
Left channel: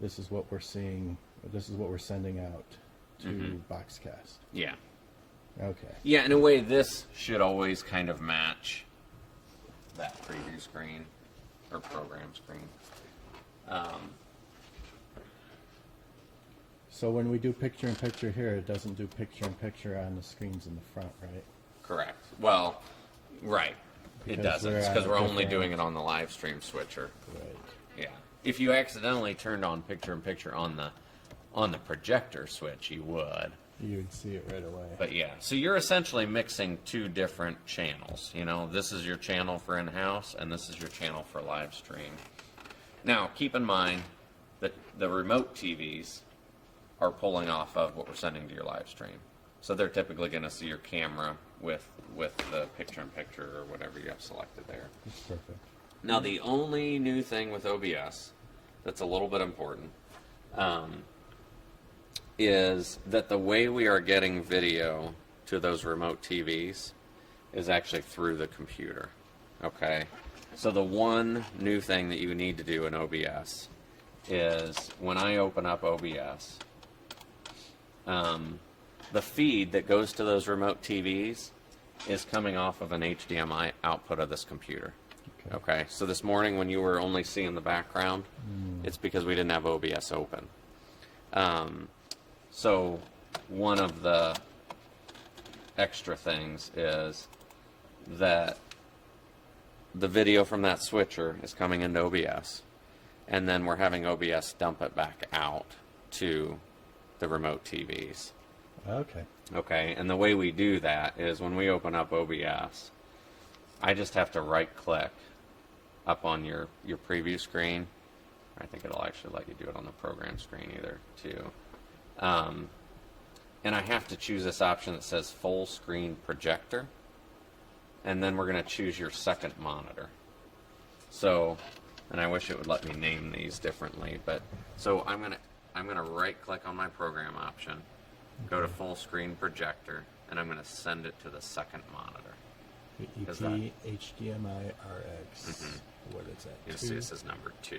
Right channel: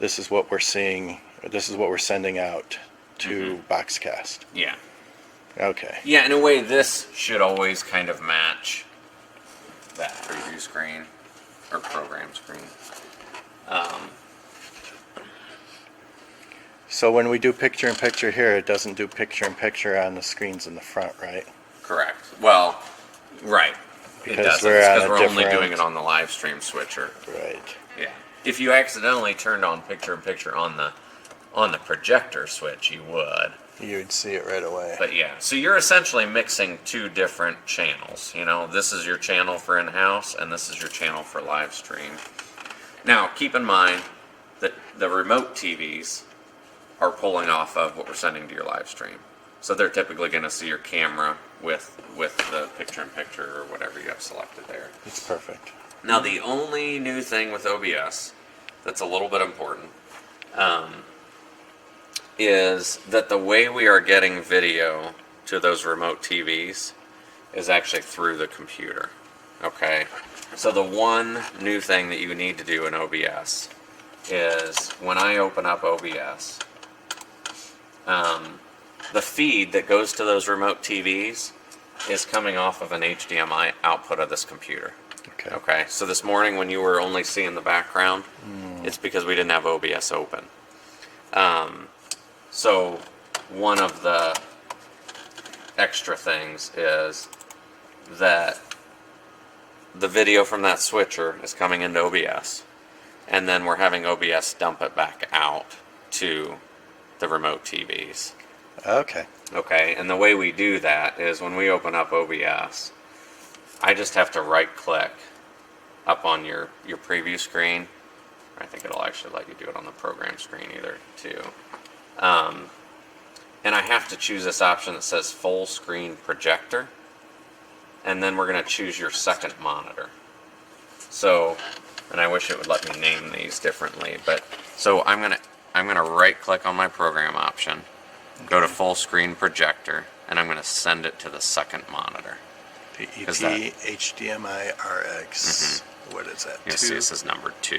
this is what we're seeing, this is what we're sending out to Boxcast. Yeah. Okay, Yeah, in a way, this should always kind of match that preview screen or program screen. so when we do picture-in-picture here, it doesn't do picture-in-picture on the screens in the front, right? Correct. Well, right. Because it doesn't. we're It's on 'cause a we're only different- doing it on the live stream switcher. Right. Yeah. If you accidentally turned on picture-in-picture on the projector switch, you would. You'd see it right away. But yeah, so you're essentially mixing two different channels. You know, this is your channel for in-house, and this is your channel for live stream. Now, keep in mind that the remote TVs are pulling off of what we're sending to your live stream. So they're typically going to see your camera with the picture-in-picture or whatever you have selected there. It's perfect. Now, the only new thing with OBS that's a little bit important is that the way we are getting video to those remote TVs is actually through the computer. Okay? So the one new thing that you need to do in OBS is when I open up OBS, the feed that goes to those remote TVs is coming off of an HDMI output of this computer. Okay. Okay, so this morning when you were only seeing the background, it's because we didn't have OBS open. So one of the extra things is that the video from that switcher is coming into OBS, and then we're having OBS dump it back out to the remote TVs. Okay. Okay, and the way we do that is when we open up OBS, I just have to right click up on your preview screen. I think it'll actually let you do it on the program screen either too. And I have to choose this option that says full screen projector. And then we're going to choose your second monitor. So, and I wish it would let me name these differently, but so I'm going to right click on my program option, go to full screen projector, and I'm going to send it to the second monitor. PET Is that- HDMI RX. What is that? You'll see it says number 2.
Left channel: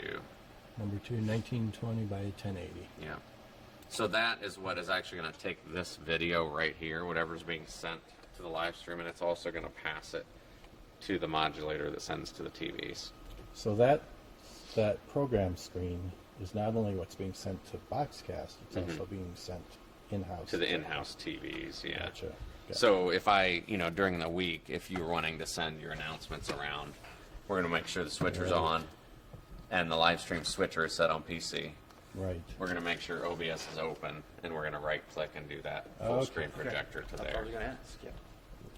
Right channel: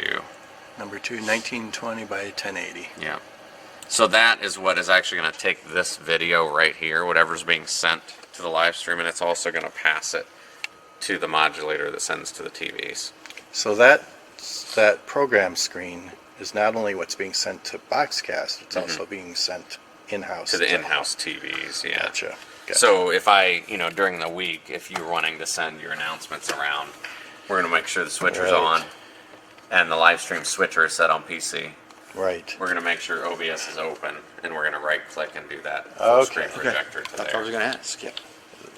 Number 2, 1920 by 1080. Yeah. So that is what is actually going to take this video right here, whatever's being sent to the live stream, and it's also going to pass it to the modulator that sends to the TVs. So that program screen is not only what's being sent to Boxcast, it's also being sent in-house. To the in-house TVs, yeah. Gotcha. So if I, during the week, if you're wanting to send your announcements around, we're going to make sure the switcher's Right. on and the live stream switcher is set on PC Right. We're gonna make sure OBS is open, and we're gonna right click and do that full Okay. screen Okay. projector to That's what I was there. gonna ask, yeah.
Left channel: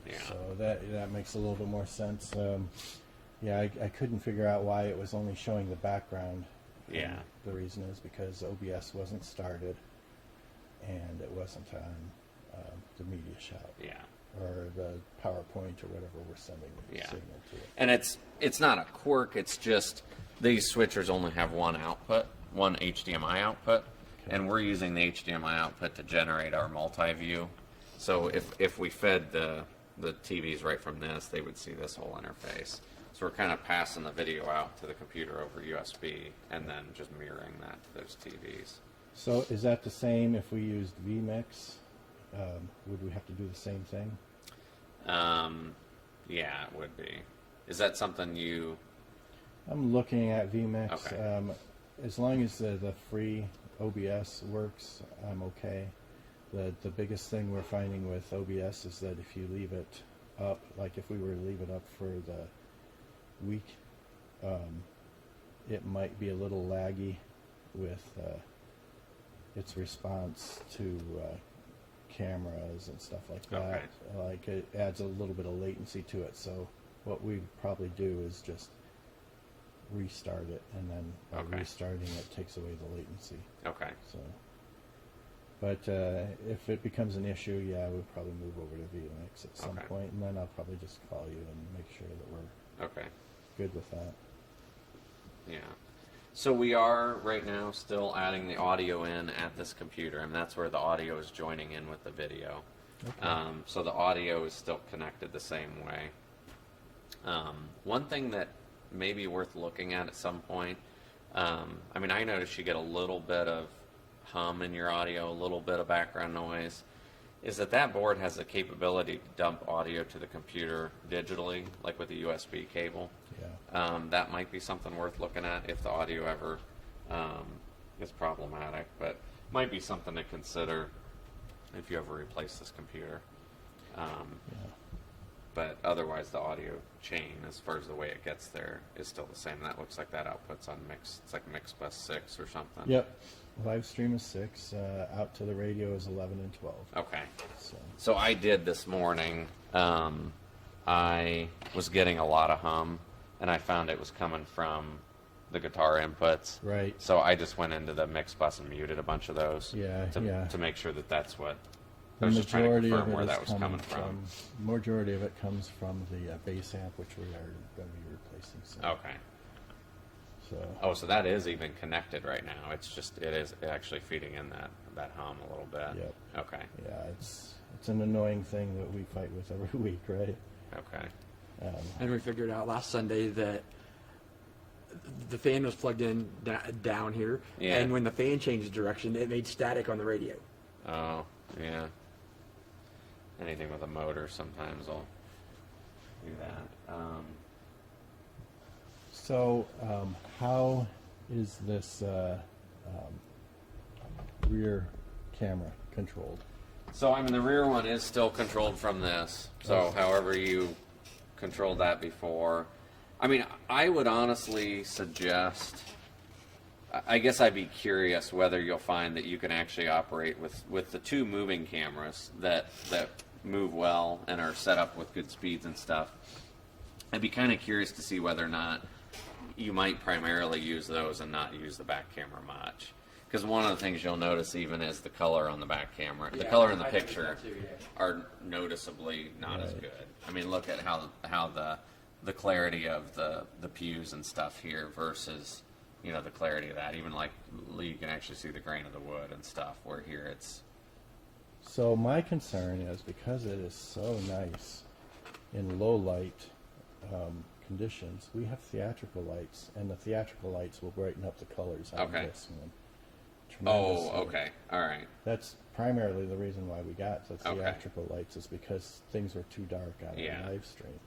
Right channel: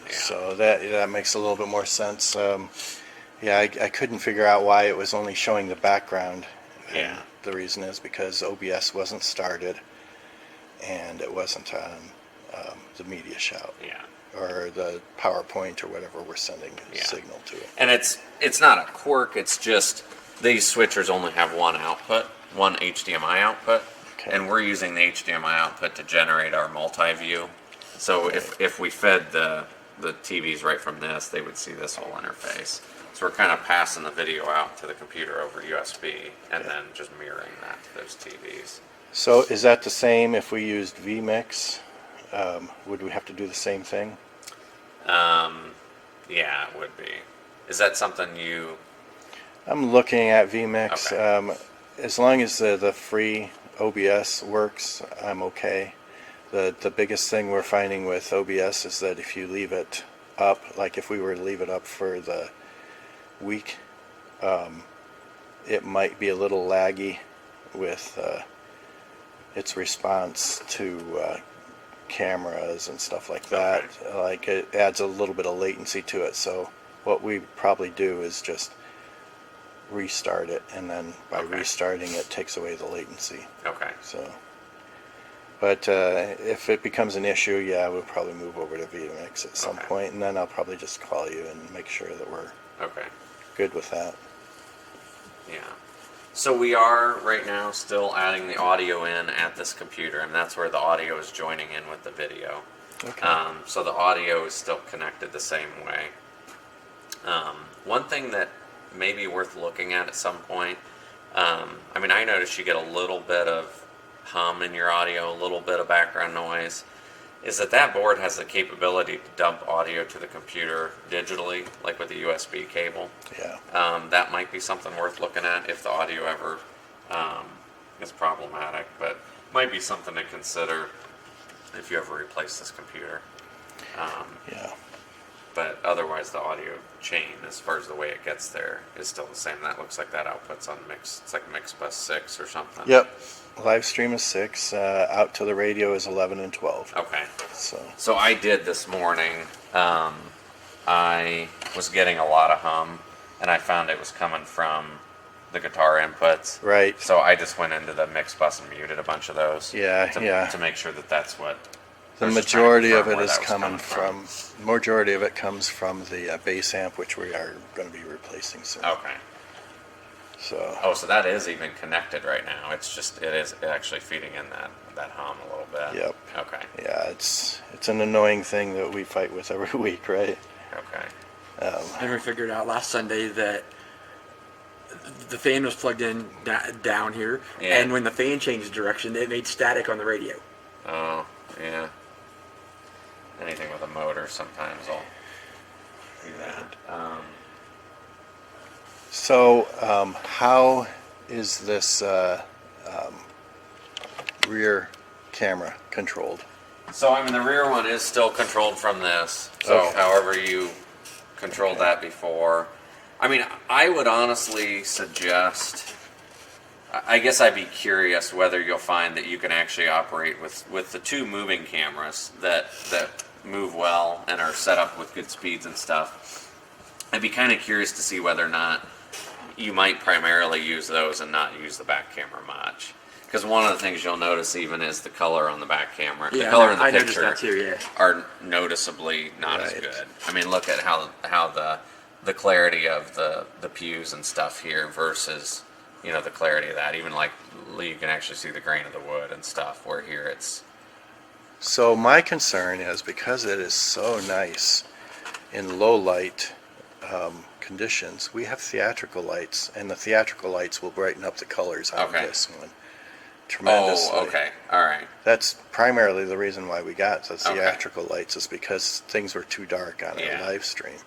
Yeah. So that makes a little bit more sense. Yeah, I couldn't figure out why it was only showing the background. And Yeah. the reason is because OBS wasn't started, and it wasn't on the media shout Yeah. or the PowerPoint or whatever we're sending a Yeah. signal to it. And it's not a quirk. It's just these switchers only have one output, one HDMI output, Okay. and we're using the HDMI output to generate our multi-view. So if we fed the TVs right from this, they would see this whole interface. So we're kind of passing the video out to the computer over USB, and then just mirroring that to those TVs. So is that the same if we used vMix? Would we have to do the same thing? Yeah, it would be. Is that something you? I'm looking at vMix. Okay. As long as the free OBS works, I'm okay. The biggest thing we're finding with OBS is that if you leave it up, like if we were to leave it up for the week, it might be a little laggy with its response to cameras and stuff like that. Okay. Like it adds a little bit of latency to it. So what we probably do is just restart it, and then by Okay. restarting it takes away the latency. Okay. So, but if it becomes an issue, yeah, we'll probably move over to vMix at some Okay. point, and then I'll probably just call you and make sure that we're Okay. good with that. Yeah. So we are right now still adding the audio in at this computer, and that's where the audio is joining in with the video. Okay. So the audio is still connected the same way. One thing that may be worth looking at some point, I mean, I noticed you get a little bit of hum in your audio, a little bit of background noise, is that board has the capability to dump audio to the computer digitally, like with a USB cable. Yeah. That might be something worth looking at if the audio ever is problematic, but might be something to consider if you ever replace this computer. Yeah. But otherwise, the audio chain, as far as the way it gets there, is still the same. That looks like that output's on mix. It's like mix bus 6 or something. Yep. Live stream is 6. Out to the radio is 11 and 12. Okay. So I did this morning. I was getting a lot of hum, and I found it was coming from the guitar inputs. right. So I just went into the mix bus and muted a bunch of those. Yeah, To, yeah. To make sure that that's what. The I was just trying to majority of confirm it where is that was coming from. Majority of it comes from the bass amp, which we are going to be replacing soon. Okay. So Oh, so that is even connected right now. It's just it is actually feeding in that hum a little bit. Yep. Okay. yeah, it's an annoying thing that we fight with every week, right? Okay. And we figured out last Sunday that the fan was plugged in down here, Yeah. and when the fan changed direction, it made static on the radio. Oh, yeah. Anything with a motor sometimes will do that. So how is this rear camera controlled? So, I mean, the rear one is still controlled from this. So, Okay. however you controlled that before. I mean, I would honestly suggest. I guess I'd be curious whether you'll find that you can actually operate with the two moving cameras that move well and are set up with good speeds and stuff. I'd be kind of curious to see whether or not you might primarily use those and not use the back camera much. Because one of the things you'll notice even is the color on the back camera. The color in the I noticed picture that too. Yeah. are noticeably not as Right. good. I mean, look at how the clarity of the pews and stuff here versus, you know, the clarity of that. Even like you can actually see the grain of the wood and stuff, where here it's So my concern is because it is so nice in low light conditions, we have theatrical lights, and the theatrical lights will brighten up the colors on Okay. this one tremendously. Oh, okay, all right. That's primarily the reason why we got the Okay. theatrical lights, is because things were too dark on Yeah. our live stream.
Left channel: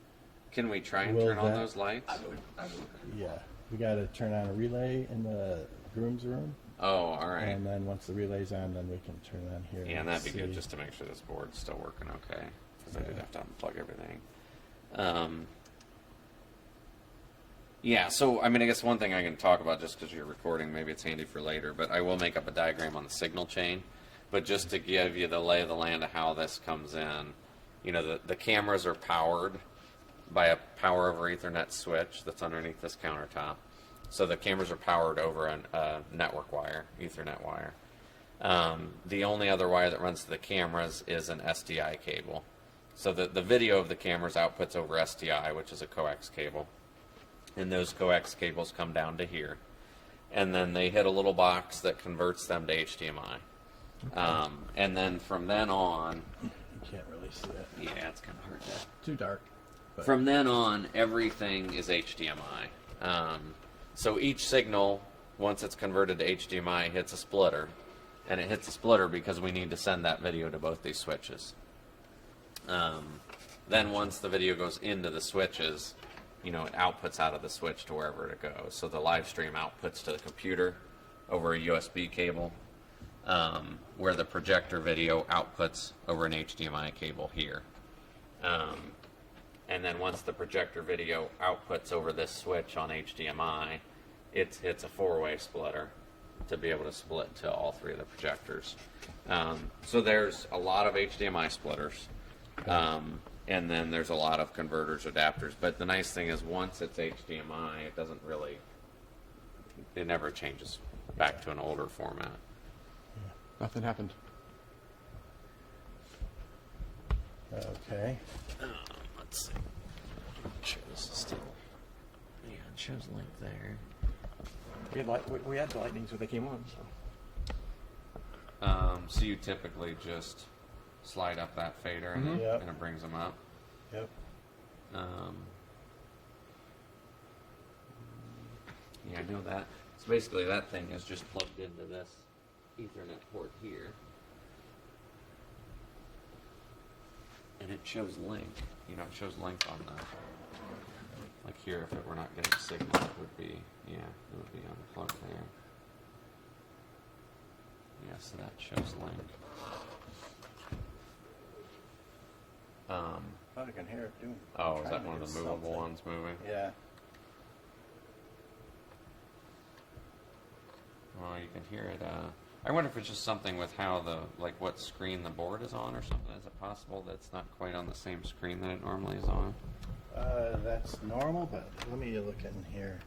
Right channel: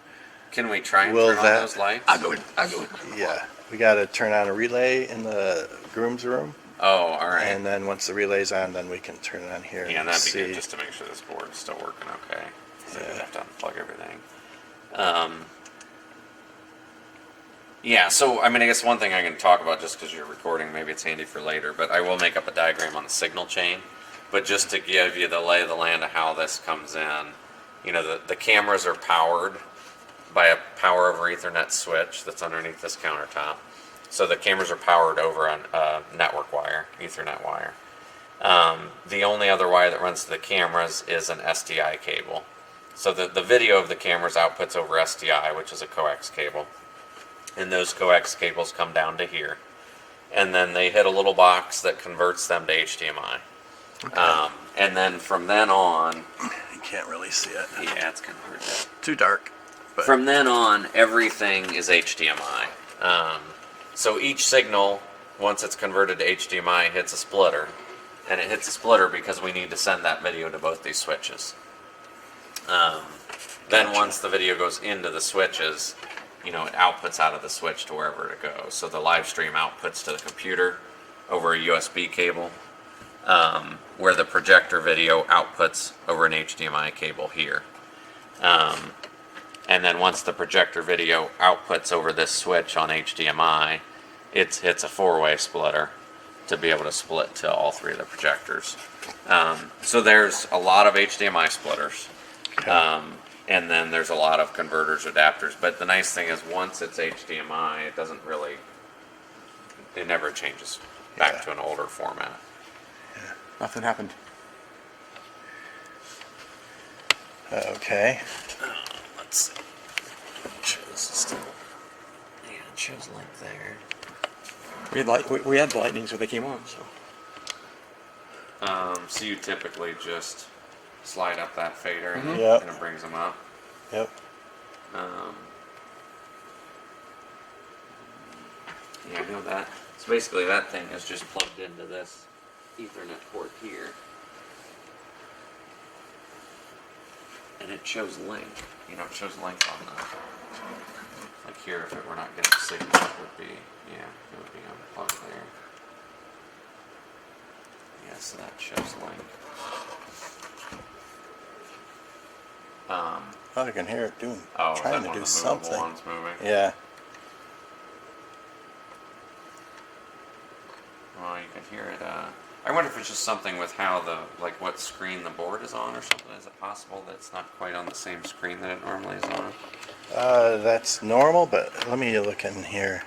Can we try and Will turn on that- those lights? I'll go. Yeah, we got to turn on a relay in the groom's room, Oh, all right. and then once the relay's on, then we can turn it on here Yeah, and that'd be see. good just to make sure this board's still working okay. So we Yeah. have to unplug everything. Yeah, so I mean, I guess one thing I can talk about just because you're recording, maybe it's handy for later, but I will make up a diagram on the signal chain. But just to give you the lay of the land of how this comes in, you know, the cameras are powered by a power over Ethernet switch that's underneath this countertop. So the cameras are powered over a network wire, Ethernet wire. The only other wire that runs to the cameras is an SDI cable. So the video of the cameras outputs over SDI, which is a coax cable. And those coax cables come down to here. And then they hit a little box that converts them to HDMI. Okay. And then from then on, You can't really see it. yeah, it's kind of hard to. Too dark. But From then on, everything is HDMI. So each signal, once it's converted to HDMI, hits a splitter. And it hits a splitter because we need to send that video to both these switches. Then once the video goes into the switches, you know, it outputs out of the switch to wherever it goes. So the live stream outputs to the computer over a USB cable, where the projector video outputs over an HDMI cable here. And then once the projector video outputs over this switch on HDMI, it hits a four-way splitter to be able to split to all three of the projectors. So there's a lot of HDMI splitters. okay. And then there's a lot of converters, adapters. But the nice thing is once it's HDMI, it doesn't really, it never changes back Yeah. to an older format. Nothing happened. Okay. Let's see. It shows still. Yeah, it shows like there. We had the lightnings when they came on, so. So you typically just slide up that fader and, Yep. and it brings them up. Yep. Yeah, I know that. So basically that thing is just plugged into this Ethernet port here. And it shows link. You know, it shows link on the, like here, if it were not getting signal, it would be, yeah, it would be unplugged there. Yeah, so that shows link. Oh, I can hear it doing. Oh, is trying that to one do of the movable something. ones moving? Yeah. Well, you can hear it. I wonder if it's just something with how like what screen the board is on or something. Is it possible that it's not quite on the same screen that it normally is on? That's normal, but let me look in here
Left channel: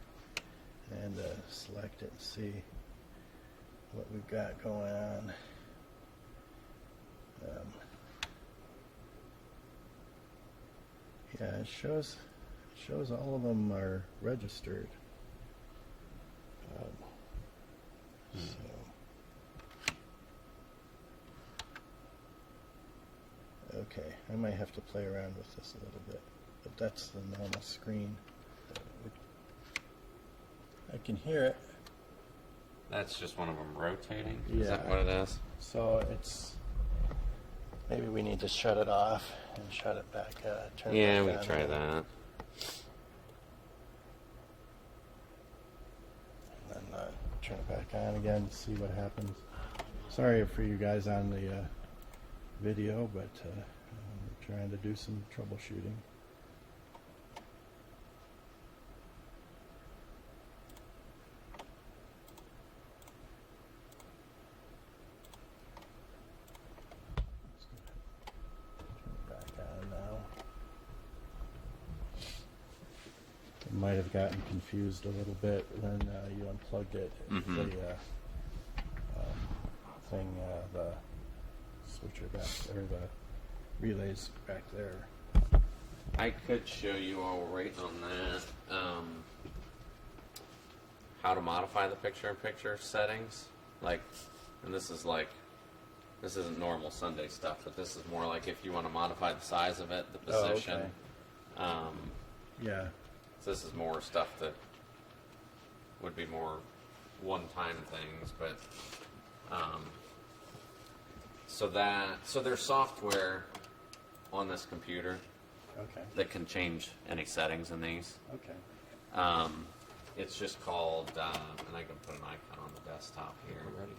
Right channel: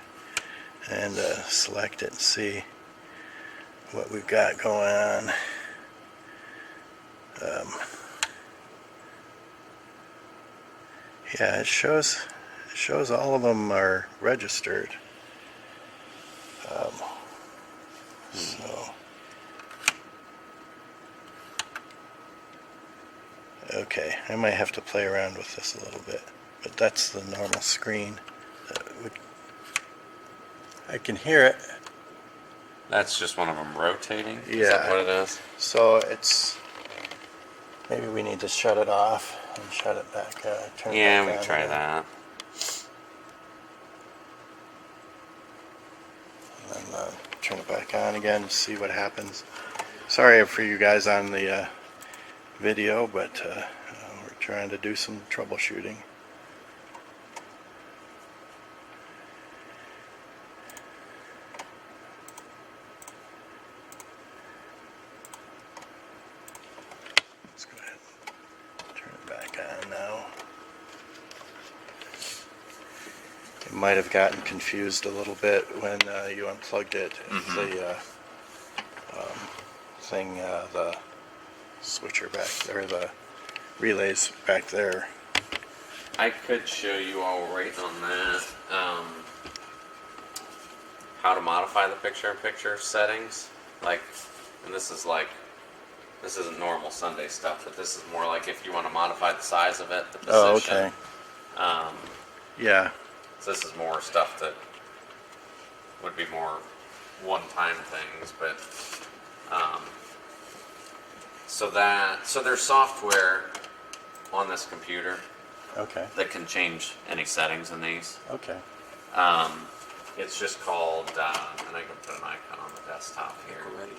and select it and see what we've got going on. Yeah, it shows all of them are registered. So, okay, I might have to play around with this a little bit, but that's the normal screen. I can hear it. That's just one of them rotating? Is Yeah. that what it is? So it's, maybe we need to shut it off and shut it back, turn it Yeah, back we on can try again. that. And then turn it back on again to see what happens. Sorry for you guys on the video, but we're trying to do some troubleshooting. Let's go ahead and turn it back on now. It might have gotten confused a little bit when you unplugged it. The thing, the switcher back there, the relays back there. I could show you all right on that how to modify the picture-in-picture settings. Like, and this isn't normal Sunday stuff, but this is more like if you want to modify the size of it, the position. Oh, okay. Yeah. So this is more stuff that would be more one-time things, but so there's software on this computer Okay. that can change any settings in these. Okay. It's just called, and I can put an icon on the desktop here. Already.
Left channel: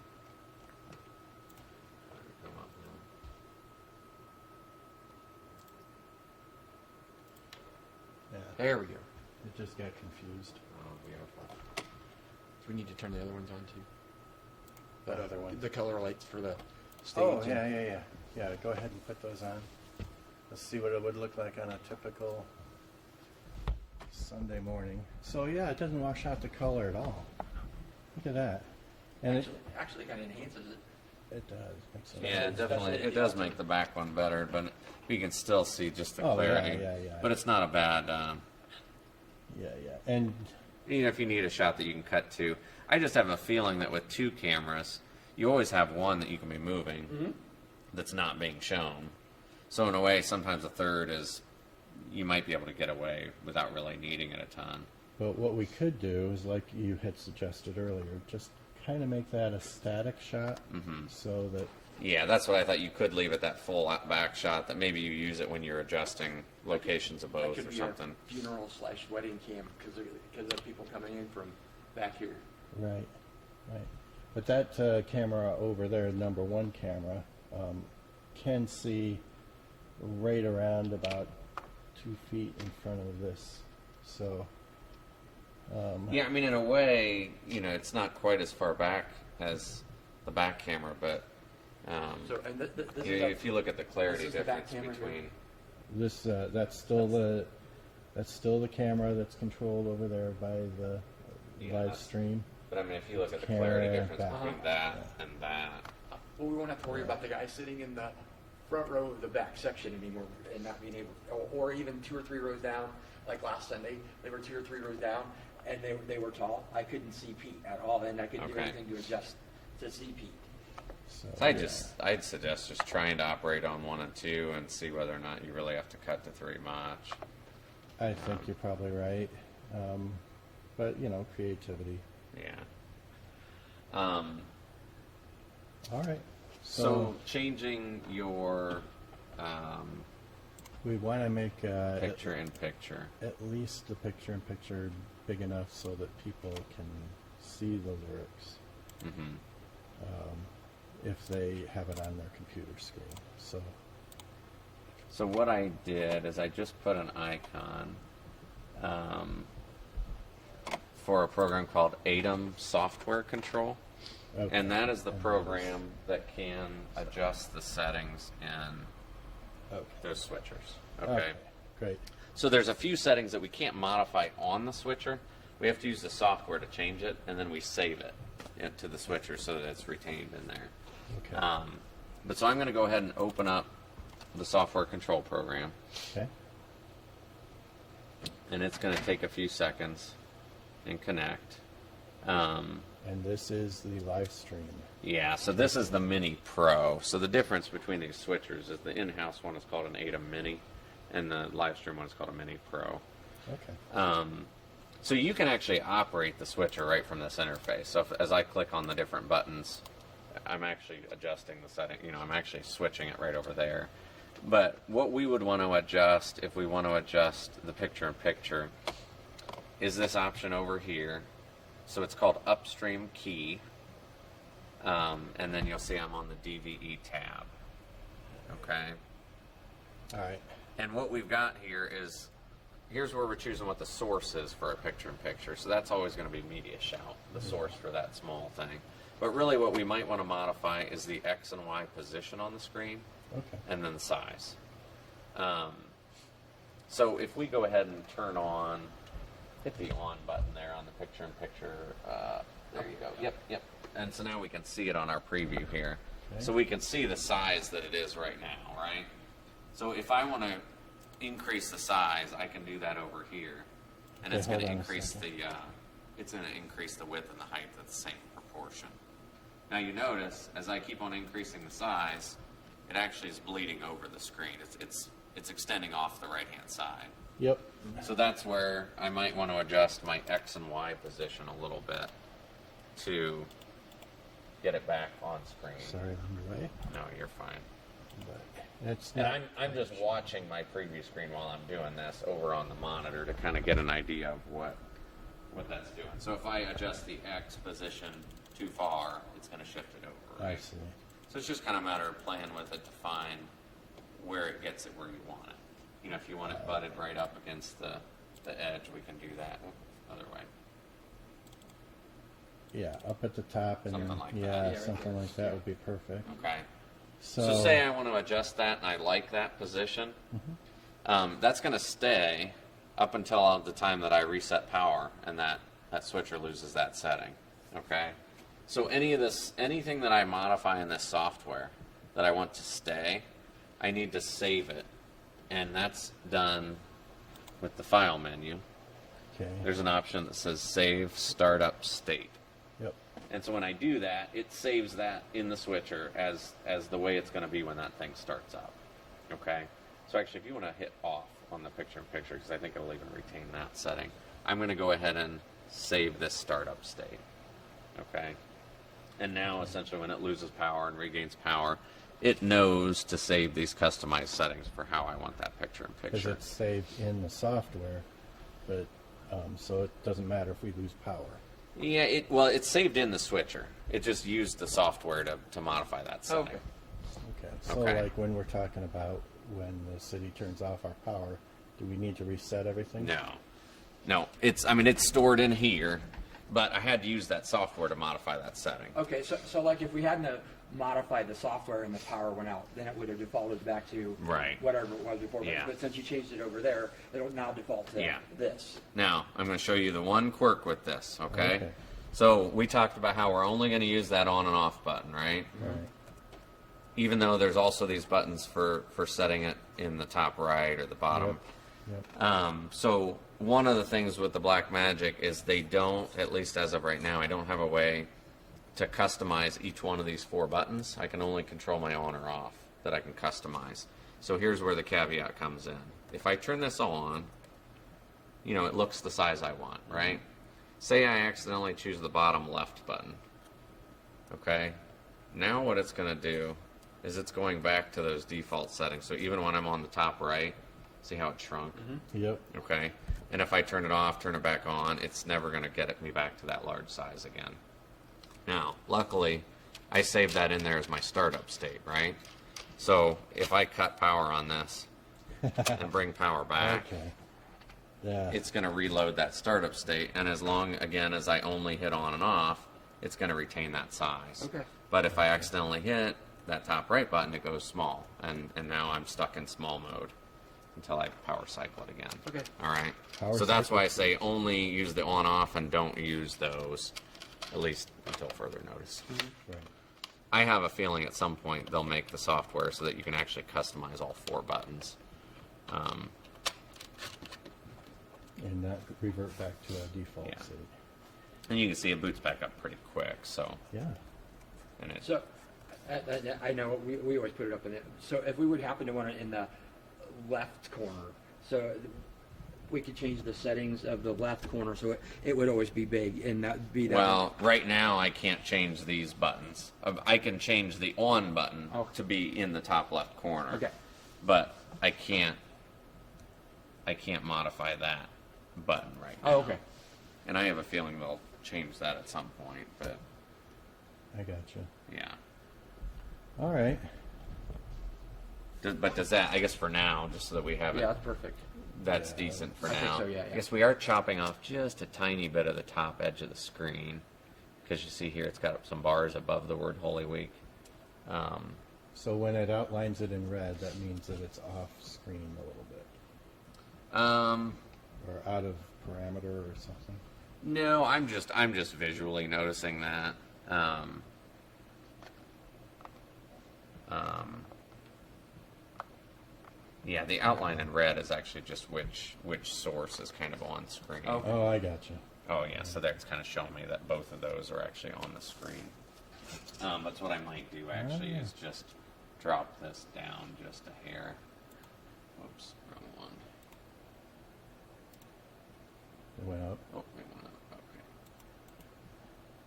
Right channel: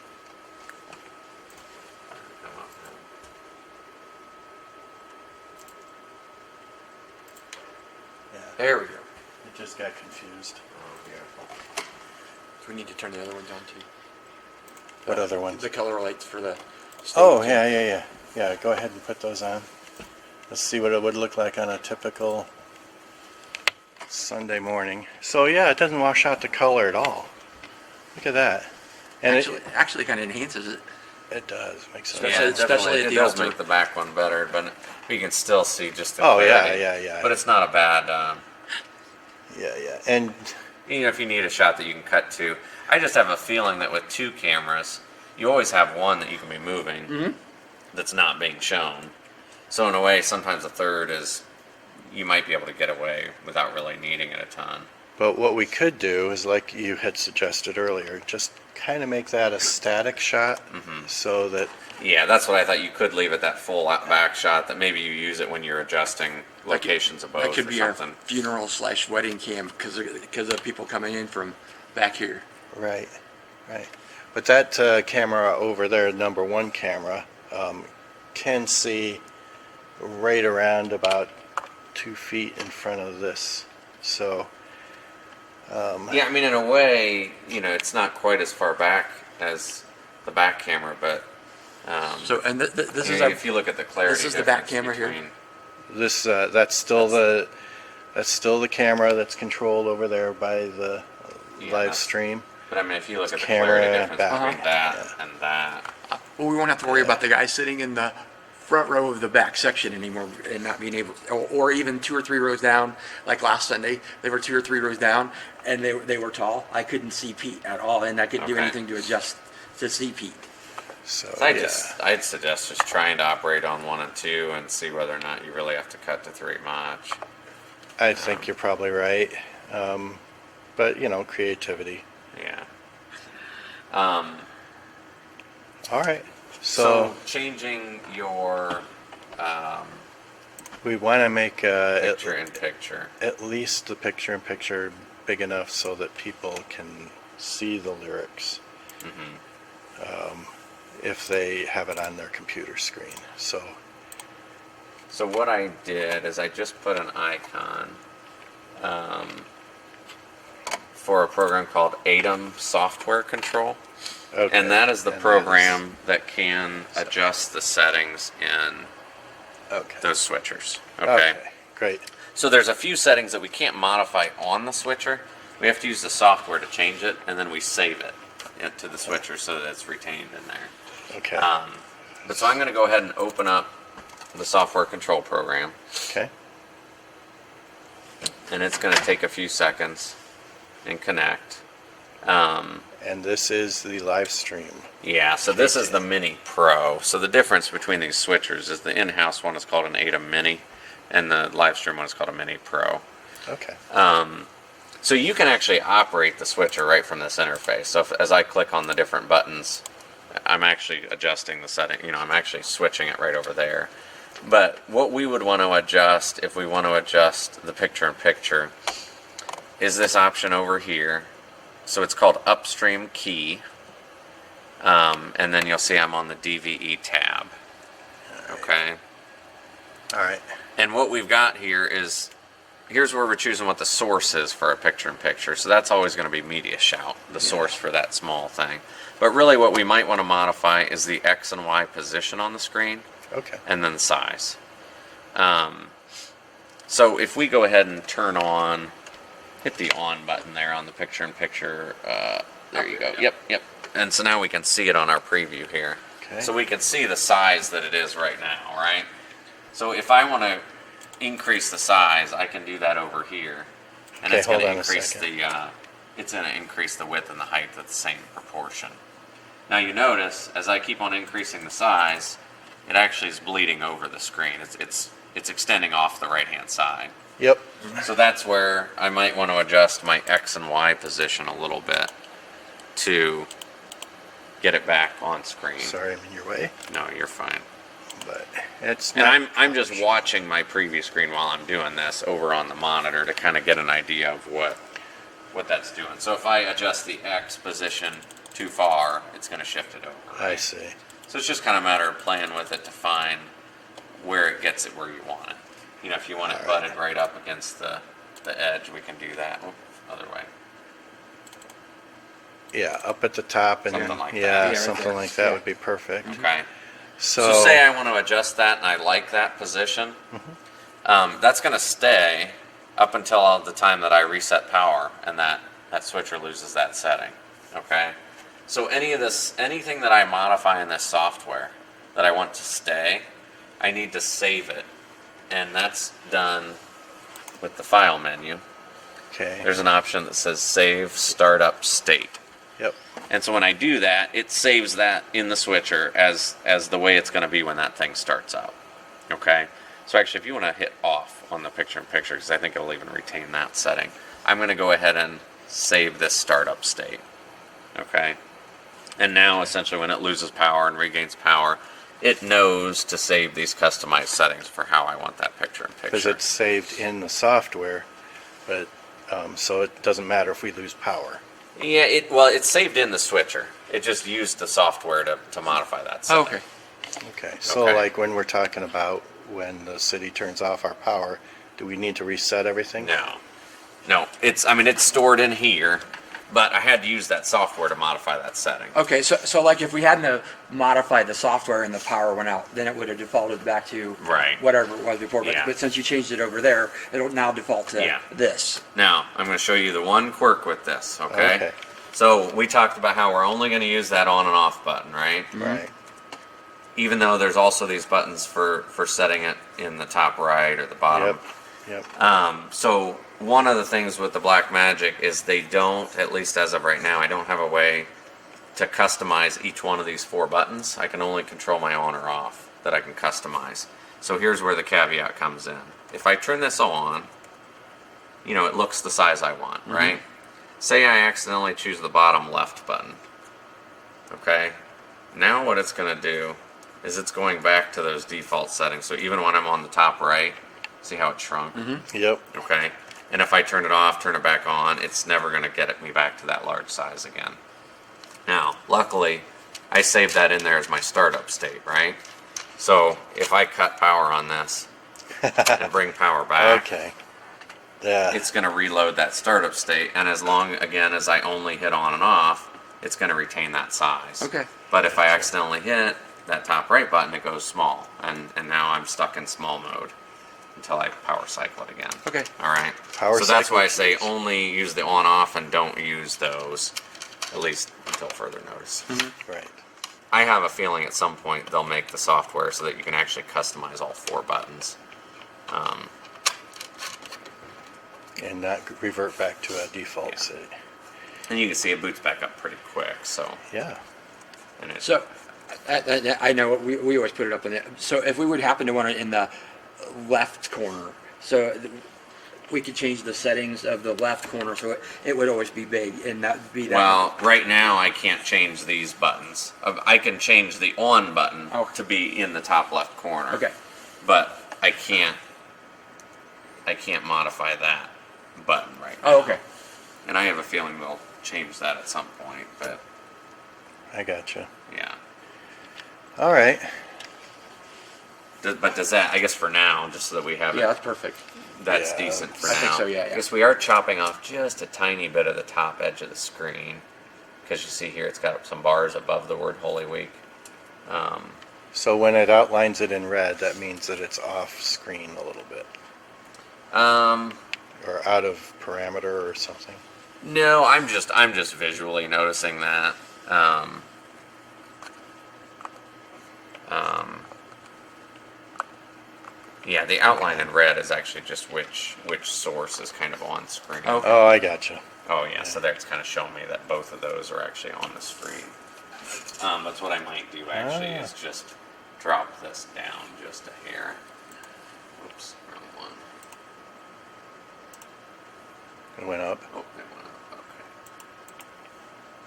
Come up now. Yeah. There we go. It just got confused. We need to turn the other ones on too. What other ones? The color lights for the stage. Oh, yeah. Yeah, go ahead and put those on. Let's see what it would look like on a typical Sunday morning. So yeah, it doesn't wash out the color at all. Look at that. And Actually kind of enhances it. it does. Makes sense. Especially- Yeah, especially definitely. at It the does altar. make the back one better, but we can still see just the Oh, yeah, clarity. yeah. But it's not a bad, Yeah. And you know, if you need a shot that you can cut to. I just have a feeling that with two cameras, you always have one that you can be moving that's not being shown. So in a way, sometimes a third is, you might be able to get away without really needing it a ton. but what we could do is, like you had suggested earlier, just kind of make that a static shot, so that Yeah, that's what I thought. You could leave it that full back shot, that maybe you use it when you're adjusting locations of both That could or be something. our funeral/wedding cam because of people coming in from back here. right. But that camera over there, number one camera, can see right around about 2 feet in front of this. So Yeah, I mean, in a way, you know, it's not quite as far back as the back camera, but So, and this I is mean, our, if you look at the clarity, this is the back difference camera here? between- this that's still the camera that's controlled over there by the Yeah, live that's- stream. But I mean, if you look at the Camera clarity difference back. between that and that, well, we won't have to worry about the guy sitting in the front row of the back section anymore and not being able, or even 2 or 3 rows down. Like last Sunday, they were 2 or 3 rows down, and they were tall. I couldn't see Pete at all, and I couldn't do Okay. anything to adjust to see Pete. So I'd suggest just trying to operate on 1 and 2 and see whether or not you really have to cut to 3 much. I think you're probably right. But you know, creativity. Yeah. All right. So changing your We want to make picture in picture. at least the picture-in-picture big enough so that people can see the lyrics if they have it on their computer screen. So So what I did is I just put an icon for a program called ATOM Software Control. okay. And that is the And program that can adjust the settings in okay. those switchers. Okay. Great. So there's a few settings that we can't modify on the switcher. We have to use the software to change it, and then we save it to the switcher so that it's retained in there. Okay. But so I'm going to go ahead and open up the software control program, Okay. and it's going to take a few seconds and connect. And this is the live stream. Yeah, so this is the Mini Pro. So the difference between these switchers is the in-house one is called an ATOM Mini, and the live stream one is called a Mini Pro. Okay. So you can actually operate the switcher right from this interface. So as I click on the different buttons, I'm actually adjusting the setting. You know, I'm actually switching it right over there. But what we would want to adjust, if we want to adjust the picture-in-picture, is this option over here. So it's called Upstream Key. And then you'll see I'm on the DVE tab. Okay. All right. And what we've got here is, here's where we're choosing what the source is for a picture-in-picture. So that's always going to be Media Shout, the source for that small thing. But really what we might want to modify is the X and Y position on the screen, Okay. and then size. So if we go ahead and turn on, hit the on button there on the picture-in-picture, there you go. Yep. And so now we can see it on our preview here. Okay. So we can see the size that it is right now, right? So if I want to increase the size, I can do that over here, and Okay, it's going hold to on a increase second. it's going to increase the width and the height at the same proportion. Now you notice as I keep on increasing the size, it actually is bleeding over the screen. It's extending off the right-hand side. Yep. So that's where I might want to adjust my X and Y position a little bit to get it back on screen. Sorry, I'm in your way, No, you're fine. but it's And not. I'm just watching my preview screen while I'm doing this over on the monitor to kind of get an idea of what that's doing. So if I adjust the X position too far, it's going to shift it over. I see. So it's just kind of a matter of playing with it to find where it gets it where you want it. You know, if you want it butted right up against the edge, we can do that. Oop, other way. Yeah, up at the top and Something like that. yeah, Yeah, right something there. like that Yeah. would be perfect. Okay. So, So say I want to adjust that and I like that position. That's going to stay up until the time that I reset power and that switcher loses that setting. Okay. So anything that I modify in this software that I want to stay, I need to save it. And that's done with the file menu. okay. There's an option that says save startup state. Yep. And so when I do that, it saves that in the switcher as the way it's going to be when that thing starts up. Okay? So actually, if you want to hit off on the picture-in-picture, because I think it'll even retain that setting, I'm going to go ahead and save this startup state. Okay? And now, essentially, when it loses power and regains power, it knows to save these customized settings for how I want that Because picture-in-picture. it's saved in the software, but so it doesn't matter if we lose power. Yeah, it's saved in the switcher. It just used the software to modify that setting. Okay. Okay. So Okay. like when we're talking about when the city turns off our power, do we need to reset everything? No. It's stored in here, but I had to use that software to modify that setting. Okay, so like if we hadn't have modified the software and the power went out, then it would have defaulted back to Right. whatever it was before. Yeah. But since you changed it over there, it'll now default to Yeah. this. Now, I'm going to show you the one quirk with this, okay? Okay. So we talked about how we're only going to use that on and off button, right? Right. Even though there's also these buttons for setting it in the top right or the bottom. Yep. Yep. So one of the things with the Blackmagic is they don't, at least as of right now, I don't have a way to customize each one of these 4 buttons. I can only control my on or off that I can customize. So here's where the caveat comes in. If I turn this on, it looks the size I want, right? Say I accidentally choose the bottom left button. Okay? Now what it's going to do is it's going back to those default settings. So even when I'm on the top right, see how it shrunk? Yep. Okay? And if I turn it off, turn it back on, it's never going to get me back to that large size again. Now, luckily, I saved that in there as my startup state, right? So if I cut power on this and bring power back, Okay. Yeah. it's going to reload that startup state. And as long, again, as I only hit on and off, it's going to retain that size. Okay. But if I accidentally hit that top right button, it goes small. And now I'm stuck in small mode until I power cycle it again. Okay. All right. Power so that's cycle why I say keys. only use the on-off and don't use those, at least until further notice. Right. I have a feeling at some point they'll make the software so that you can actually customize all 4 buttons. And not revert back to a default Yeah. city. And you can see it boots back up pretty quick. So, Yeah. and it, So, I know we always put it up in it. So if we would happen to want it in the left corner, so we could change the settings of the left corner so it would always be big and that be that. well, right now I can't change these buttons. I can change the on button Oh. to be in the top left corner. Okay. But I can't modify that button right now. Oh, okay. And I have a feeling they'll change that at some point, but I gotcha. yeah. All right. But does that, I guess for now, just so that we have Yeah, it, that's perfect. that's Yeah, decent for I now. think so, yeah. I guess we are chopping off just a tiny bit of the top edge of the screen. Because you see here, it's got some bars above the word Holy Week. So when it outlines it in red, that means that it's off screen a little bit or out of parameter or something. No, I'm just visually noticing that. Yeah, the outline in red is actually just which source is kind of on screen. Oh. Oh, I gotcha. Oh yeah, so that's kind of showing me that both of those are actually on the screen. That's what I might do actually is just drop this down just a hair. Oops, wrong one. It went up. Oh, it went up.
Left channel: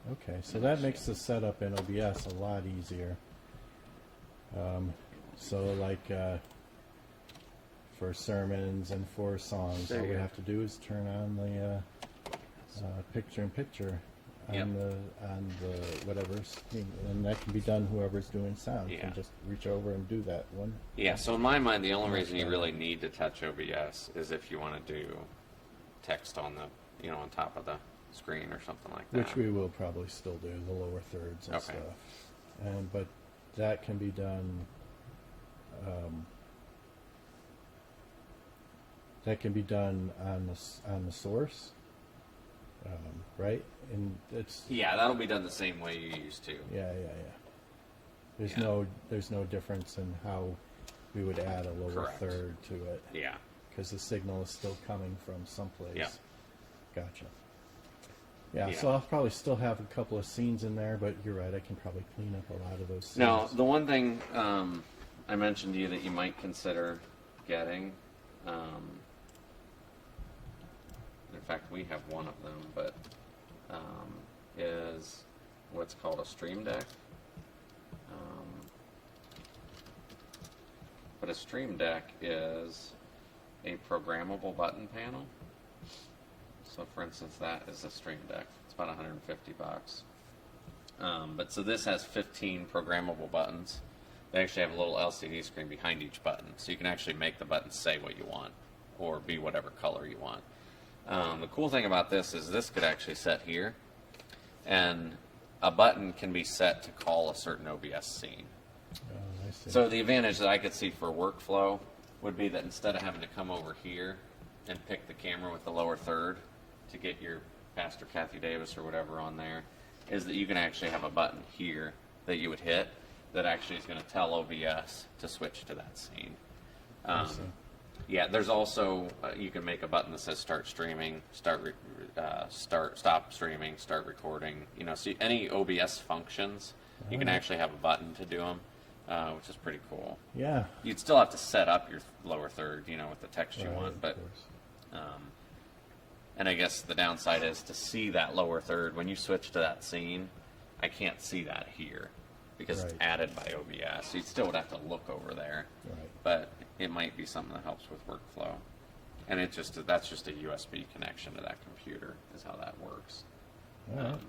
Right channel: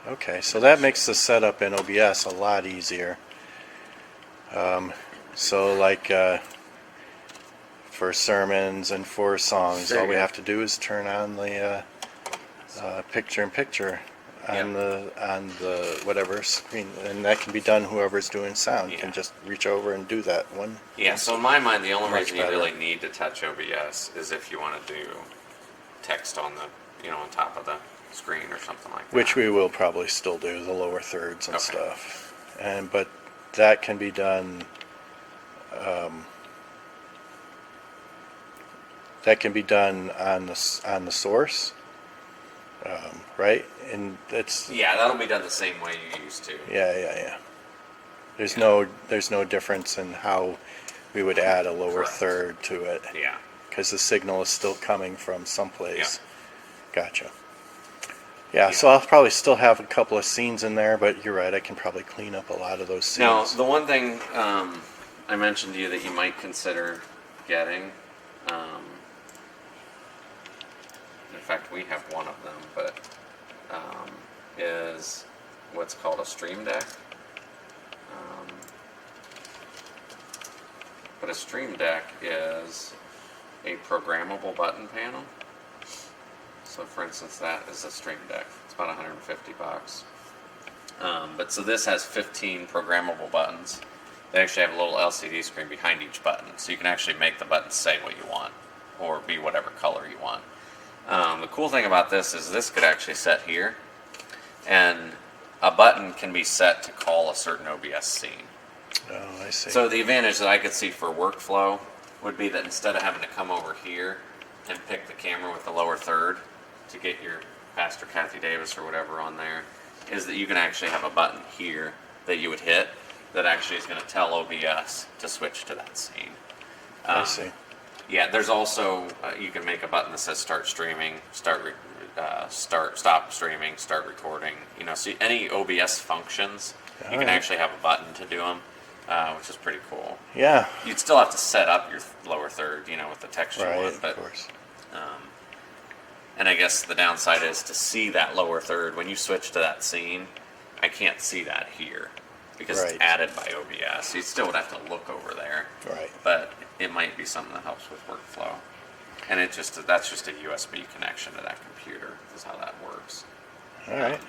Okay. Okay, so that makes the setup in OBS a lot easier. So like for sermons and for songs, There all you we go. have to do is turn on the picture-in-picture on the whatever screen, and that can be done whoever's doing sound. You Yeah. can just reach over and do that one. Yeah, so in my mind, the only Much reason you better. really need to touch OBS is if you want to do text on the, on top of the screen or something like that. Which we will probably still do, the lower thirds and Okay. stuff. But that can be done, on the source, right? And it's, Yeah, that'll be done the same way you used to. yeah. There's Yeah. no difference in how we would add a lower Correct. third to it, Yeah. because the signal is still coming from someplace. Yeah. Gotcha. Yeah, Yeah. so I'll probably still have a couple of scenes in there, but you're right, I can probably clean up a lot of those Now, scenes. the one thing I mentioned to you that you might consider getting, in fact, we have one of them, but is what's called a stream deck. But a stream deck is a programmable button panel. So, for instance, that is a stream deck. It's about $150. But so this has 15 programmable buttons. They actually have a little LCD screen behind each button, so you can actually make the buttons say what you want, or be whatever color you want. The cool thing about this is this could actually set here, and a button can be set to call a certain OBS scene. Oh, I see. So the advantage that I could see for workflow would be that instead of having to come over here and pick the camera with the lower third to get your Pastor Kathy Davis or whatever on there, is that you can actually have a button here that you would hit that actually is going to tell OBS to switch to that scene. I see. Yeah, there's also you can make a button that says start streaming, stop streaming, start recording. You know, so any OBS functions, you can Alright. actually have a button to do them, which is pretty cool. Yeah, You'd still have to set up your lower third, you know, with the text you right, want, but of course. and I guess the downside is to see that lower third when you switch to that scene. I can't see that here because Right. it's added by OBS. So you still would have to look over there, Right. but it might be something that helps with workflow. And that's just a USB connection to that computer. Is how that works. All right.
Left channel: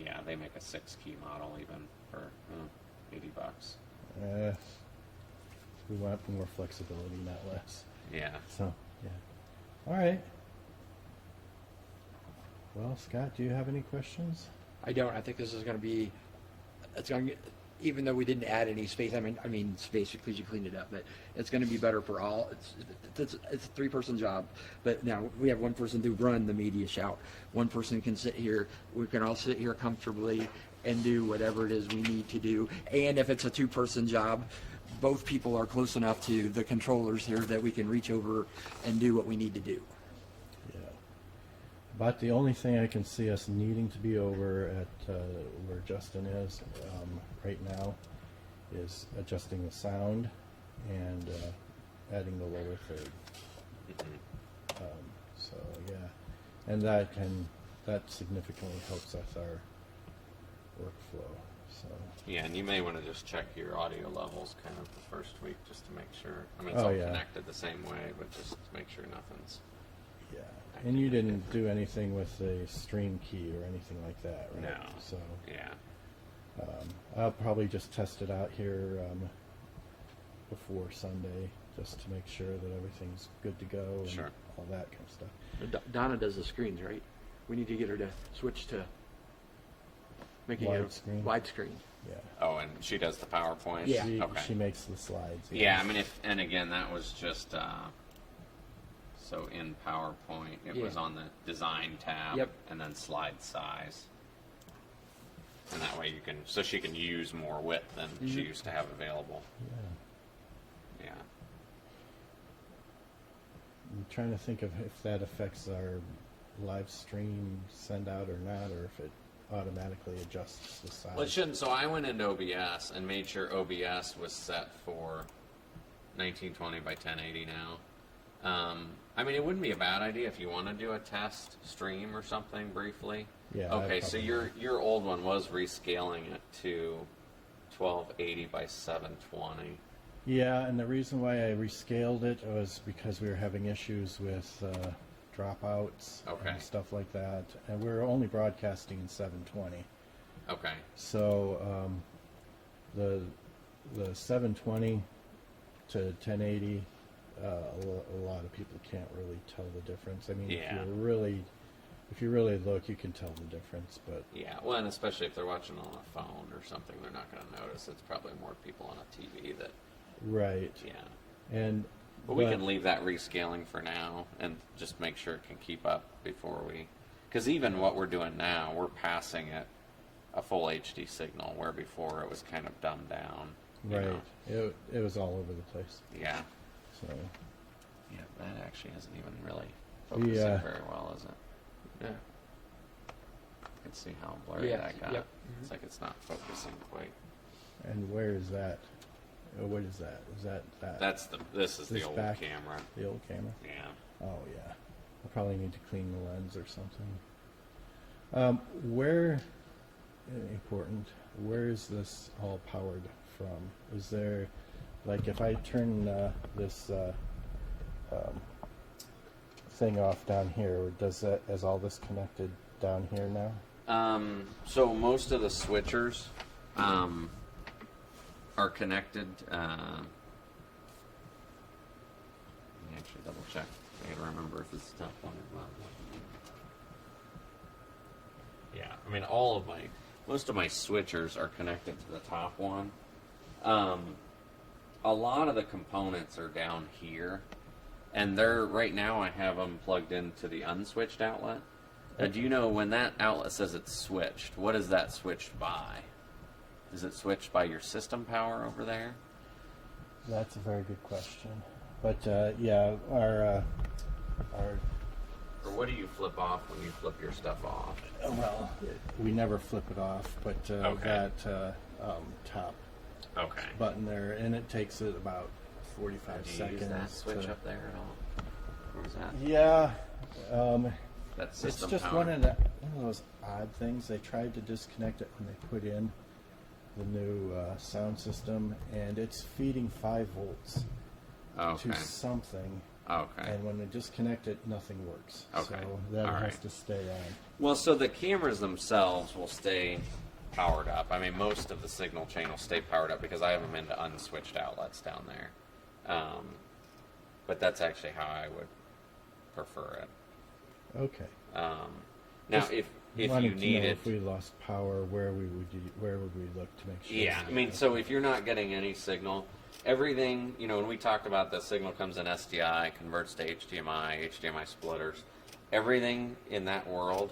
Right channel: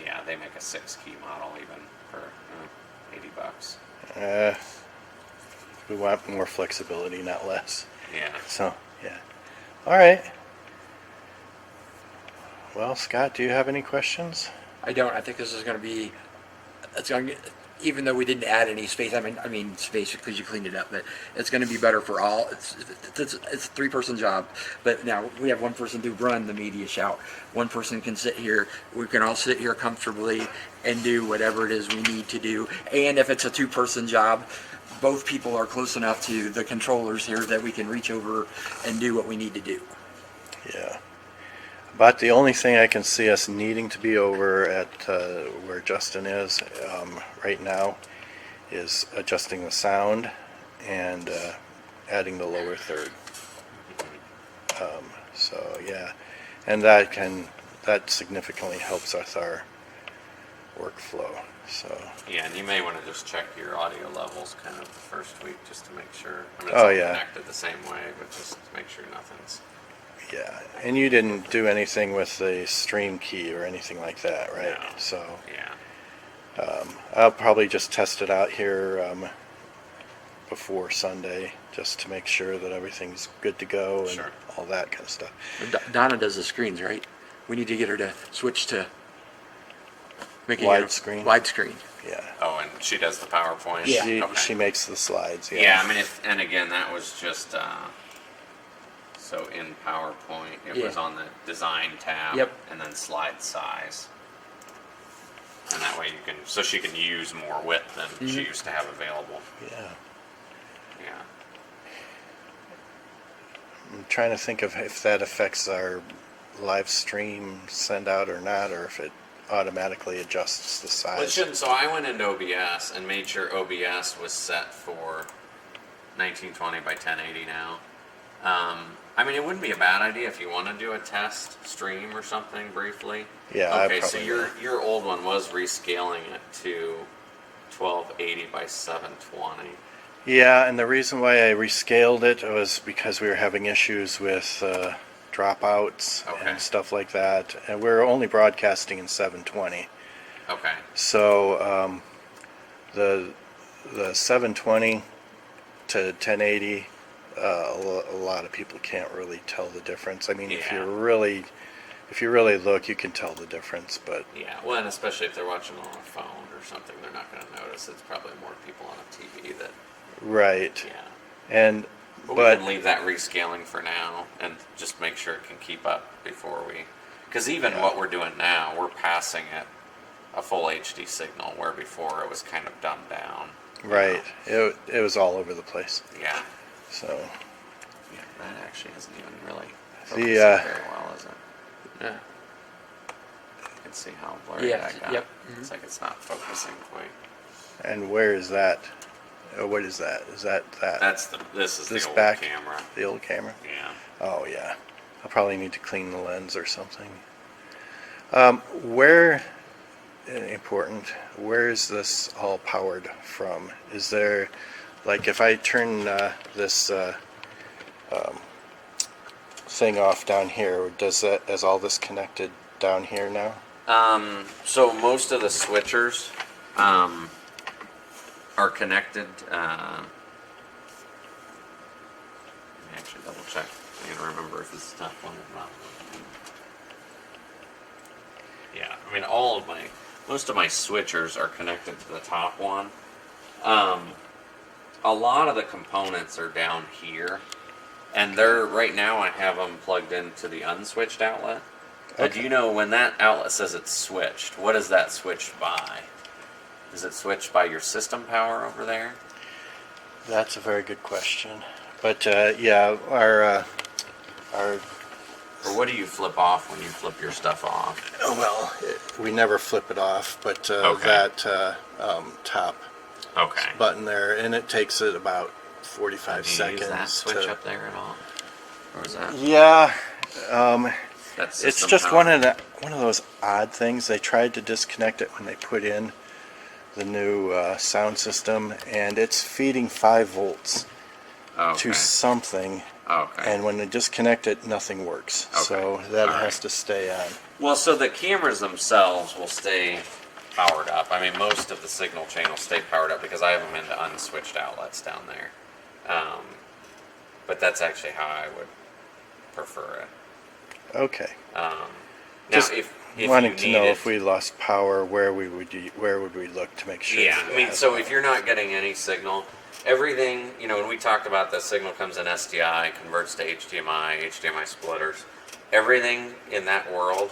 Yeah, they make a 6-key model even for $80. We want more flexibility, not less. Yeah. So, yeah. All right. Well, Scott, do you have any questions? I don't. I think this is going to be. It's going to, even though we didn't add any space. I mean space because you cleaned it up. But it's going to be better for all. It's a 3-person job. But now we have one person to run the media shout. One person can sit here. We can all sit here comfortably and do whatever it is we need to do. And if it's a 2-person job, both people are close enough to the controllers here that we can reach over and do what we need to do. Yeah. About the only thing I can see us needing to be over at where Justin is right now is adjusting the sound and adding the lower third. So yeah, and that significantly helps with our workflow. So Yeah, and you may want to just check your audio levels kind of the first week just to make sure. I mean, it's Oh, all yeah. connected the same way, but just to make sure nothing's. yeah, and you didn't do anything with the stream key or anything like that, right? No. So Yeah. I'll probably just test it out here before Sunday, just to make sure that everything's good to go and Sure. all that kind of stuff. Donna does the screens, right? We need to get her to switch to making Widescreen? Widescreen. Yeah, Oh, and she does the PowerPoint? Yeah. Okay. she makes the slides. Yeah, Yeah, I mean, and again, that was just, so in PowerPoint, it was Yeah. on the design tab. Yep. And then slide size. And that way so she can use more width than she used to have available. yeah. Yeah. I'm trying to think of if that affects our live stream send out or not, or if it automatically adjusts the size. Well, it shouldn't. So I went into OBS and made sure OBS was set for 1920 by 1080 now. I mean, it wouldn't be a bad idea if you want to do a test stream or something briefly. Yeah, I Okay, so probably your old one was rescaling it to 1280 by 720. Yeah, and the reason why I rescaled it was because we were having issues with dropouts Okay. and stuff like that, and we're only broadcasting in 720. Okay. So the 720 to 1080, a lot of people can't really tell the difference. I mean, if Yeah. you're really if you really look, you can tell the difference. But Yeah, well, and especially if they're watching on a phone or something, they're not going to notice. It's probably more people on a TV that, right, yeah. and But we can leave that rescaling for now and just make sure it can keep up before we, because even what we're doing now, we're passing it a full HD signal, where before it was kind of dumbed down. right, it was all over the place. Yeah. So Yeah, that actually isn't even really The, focusing very well, is it? Yeah. You can see how blurry Yeah, that got. yep. It's like it's not focusing quite. and where is that? What is that? Is that? This is This the old back? camera. The old camera? Yeah. Oh yeah. I'll probably need to clean the lens or something. Where important? Where is this all powered from? Is there, like, if I turn this thing off down here, is all this connected down here now? So most of the switchers are connected. Let me actually double check. I need to remember if it's top one or not. Yeah, I mean most of my switchers are connected to the top one. A lot of the components are down here, and right now I have them plugged into the unswitched outlet. Okay. Do you know when that outlet says it's switched, what is that switched by? Is it switched by your system power over there? That's a very good question. But yeah, our Or what do you flip off when you flip your stuff off? well, we never flip it off, but Okay. that top Okay. button there, and it takes it about 45 Do you seconds use that switch to. up there at all? Or is that Yeah, that's it's system just power? one of those odd things. They tried to disconnect it when they put in the new sound system, and it's feeding 5 volts Okay. to something, Okay. and when they disconnect it, nothing works. Okay. So that All has right. to stay on. Well, so the cameras themselves will stay powered up. I mean, most of the signal channels stay powered up because I have them into unswitched outlets down there. But that's actually how I would prefer it. Okay. Now, Just if wanting you to need know it, if we lost power, where would we look to make sure? yeah, that I it mean, has so power? if you're not getting any signal, everything, when we talked about the signal comes in SDI, converts to HDMI splitters, everything in that world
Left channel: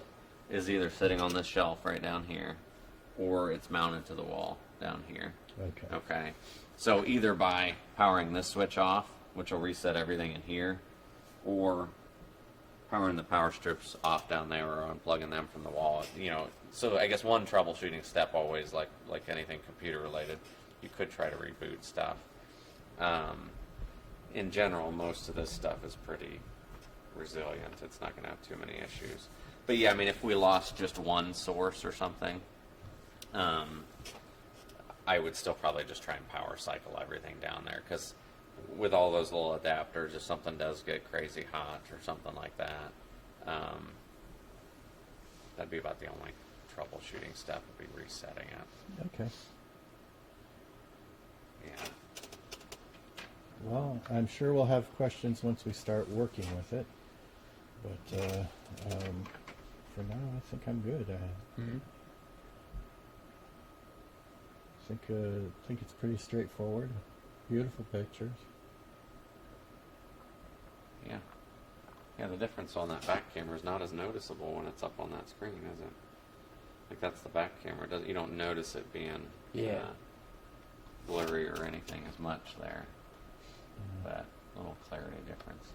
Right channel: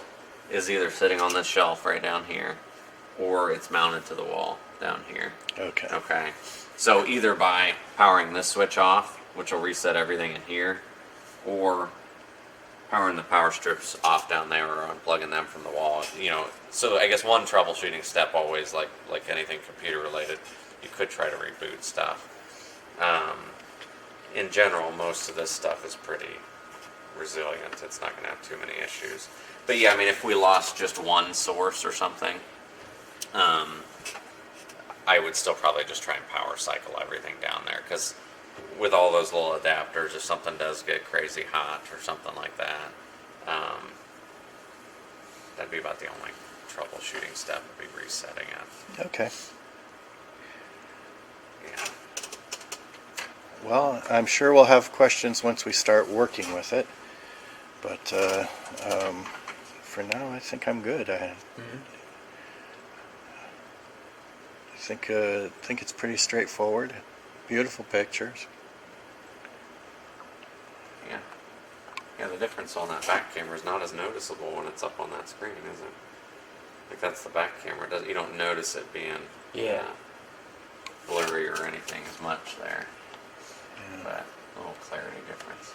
is either sitting on this shelf right down here, or it's mounted to the wall down here. Okay. Okay. So either by powering this switch off, which will reset everything in here, or powering the power strips off down there or unplugging them from the wall. So I guess one troubleshooting step always, like anything computer related, you could try to reboot stuff. In general, most of this stuff is pretty resilient. It's not going to have too many issues. But yeah, I mean, if we lost just one source or something, I would still probably just try and power cycle everything down there, because with all those little adapters, if something does get crazy hot or something like that, that'd be about the only troubleshooting step, would be resetting it. Okay. Yeah. Well, I'm sure we'll have questions once we start working with it. But for now, I think I'm good. I think it's pretty straightforward. Beautiful pictures. Yeah. Yeah, the difference on that back camera is not as noticeable when it's up on that screen, is it? Like, that's the back camera. You don't notice it being Yeah. blurry or anything as much there. Yeah. But a little clarity difference.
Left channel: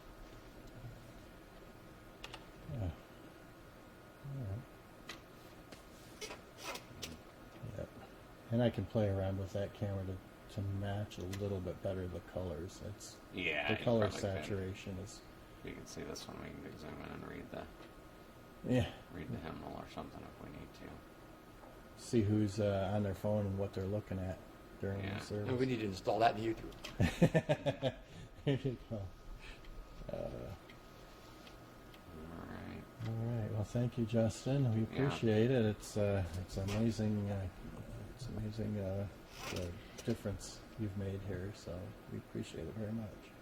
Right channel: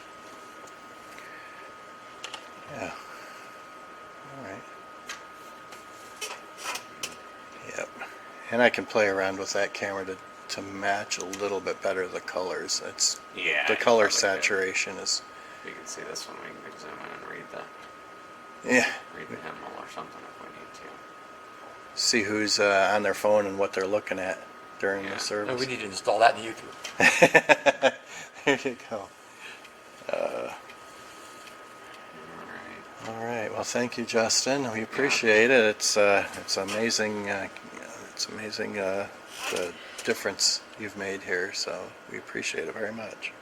Yeah. All right. Yep. And I can play around with that camera to match a little bit better the colors. Yeah. The you color probably could. saturation is. You can see this one. We can zoom in and read the Yeah. hymnal or something if we need to. See who's on their phone and what they're looking at during Yeah. the No, service. we need to install that in YouTube. There you go. All right. All right. Well, thank you, Justin. We appreciate it. It's amazing. It's amazing the difference you've made here. So we appreciate it very much.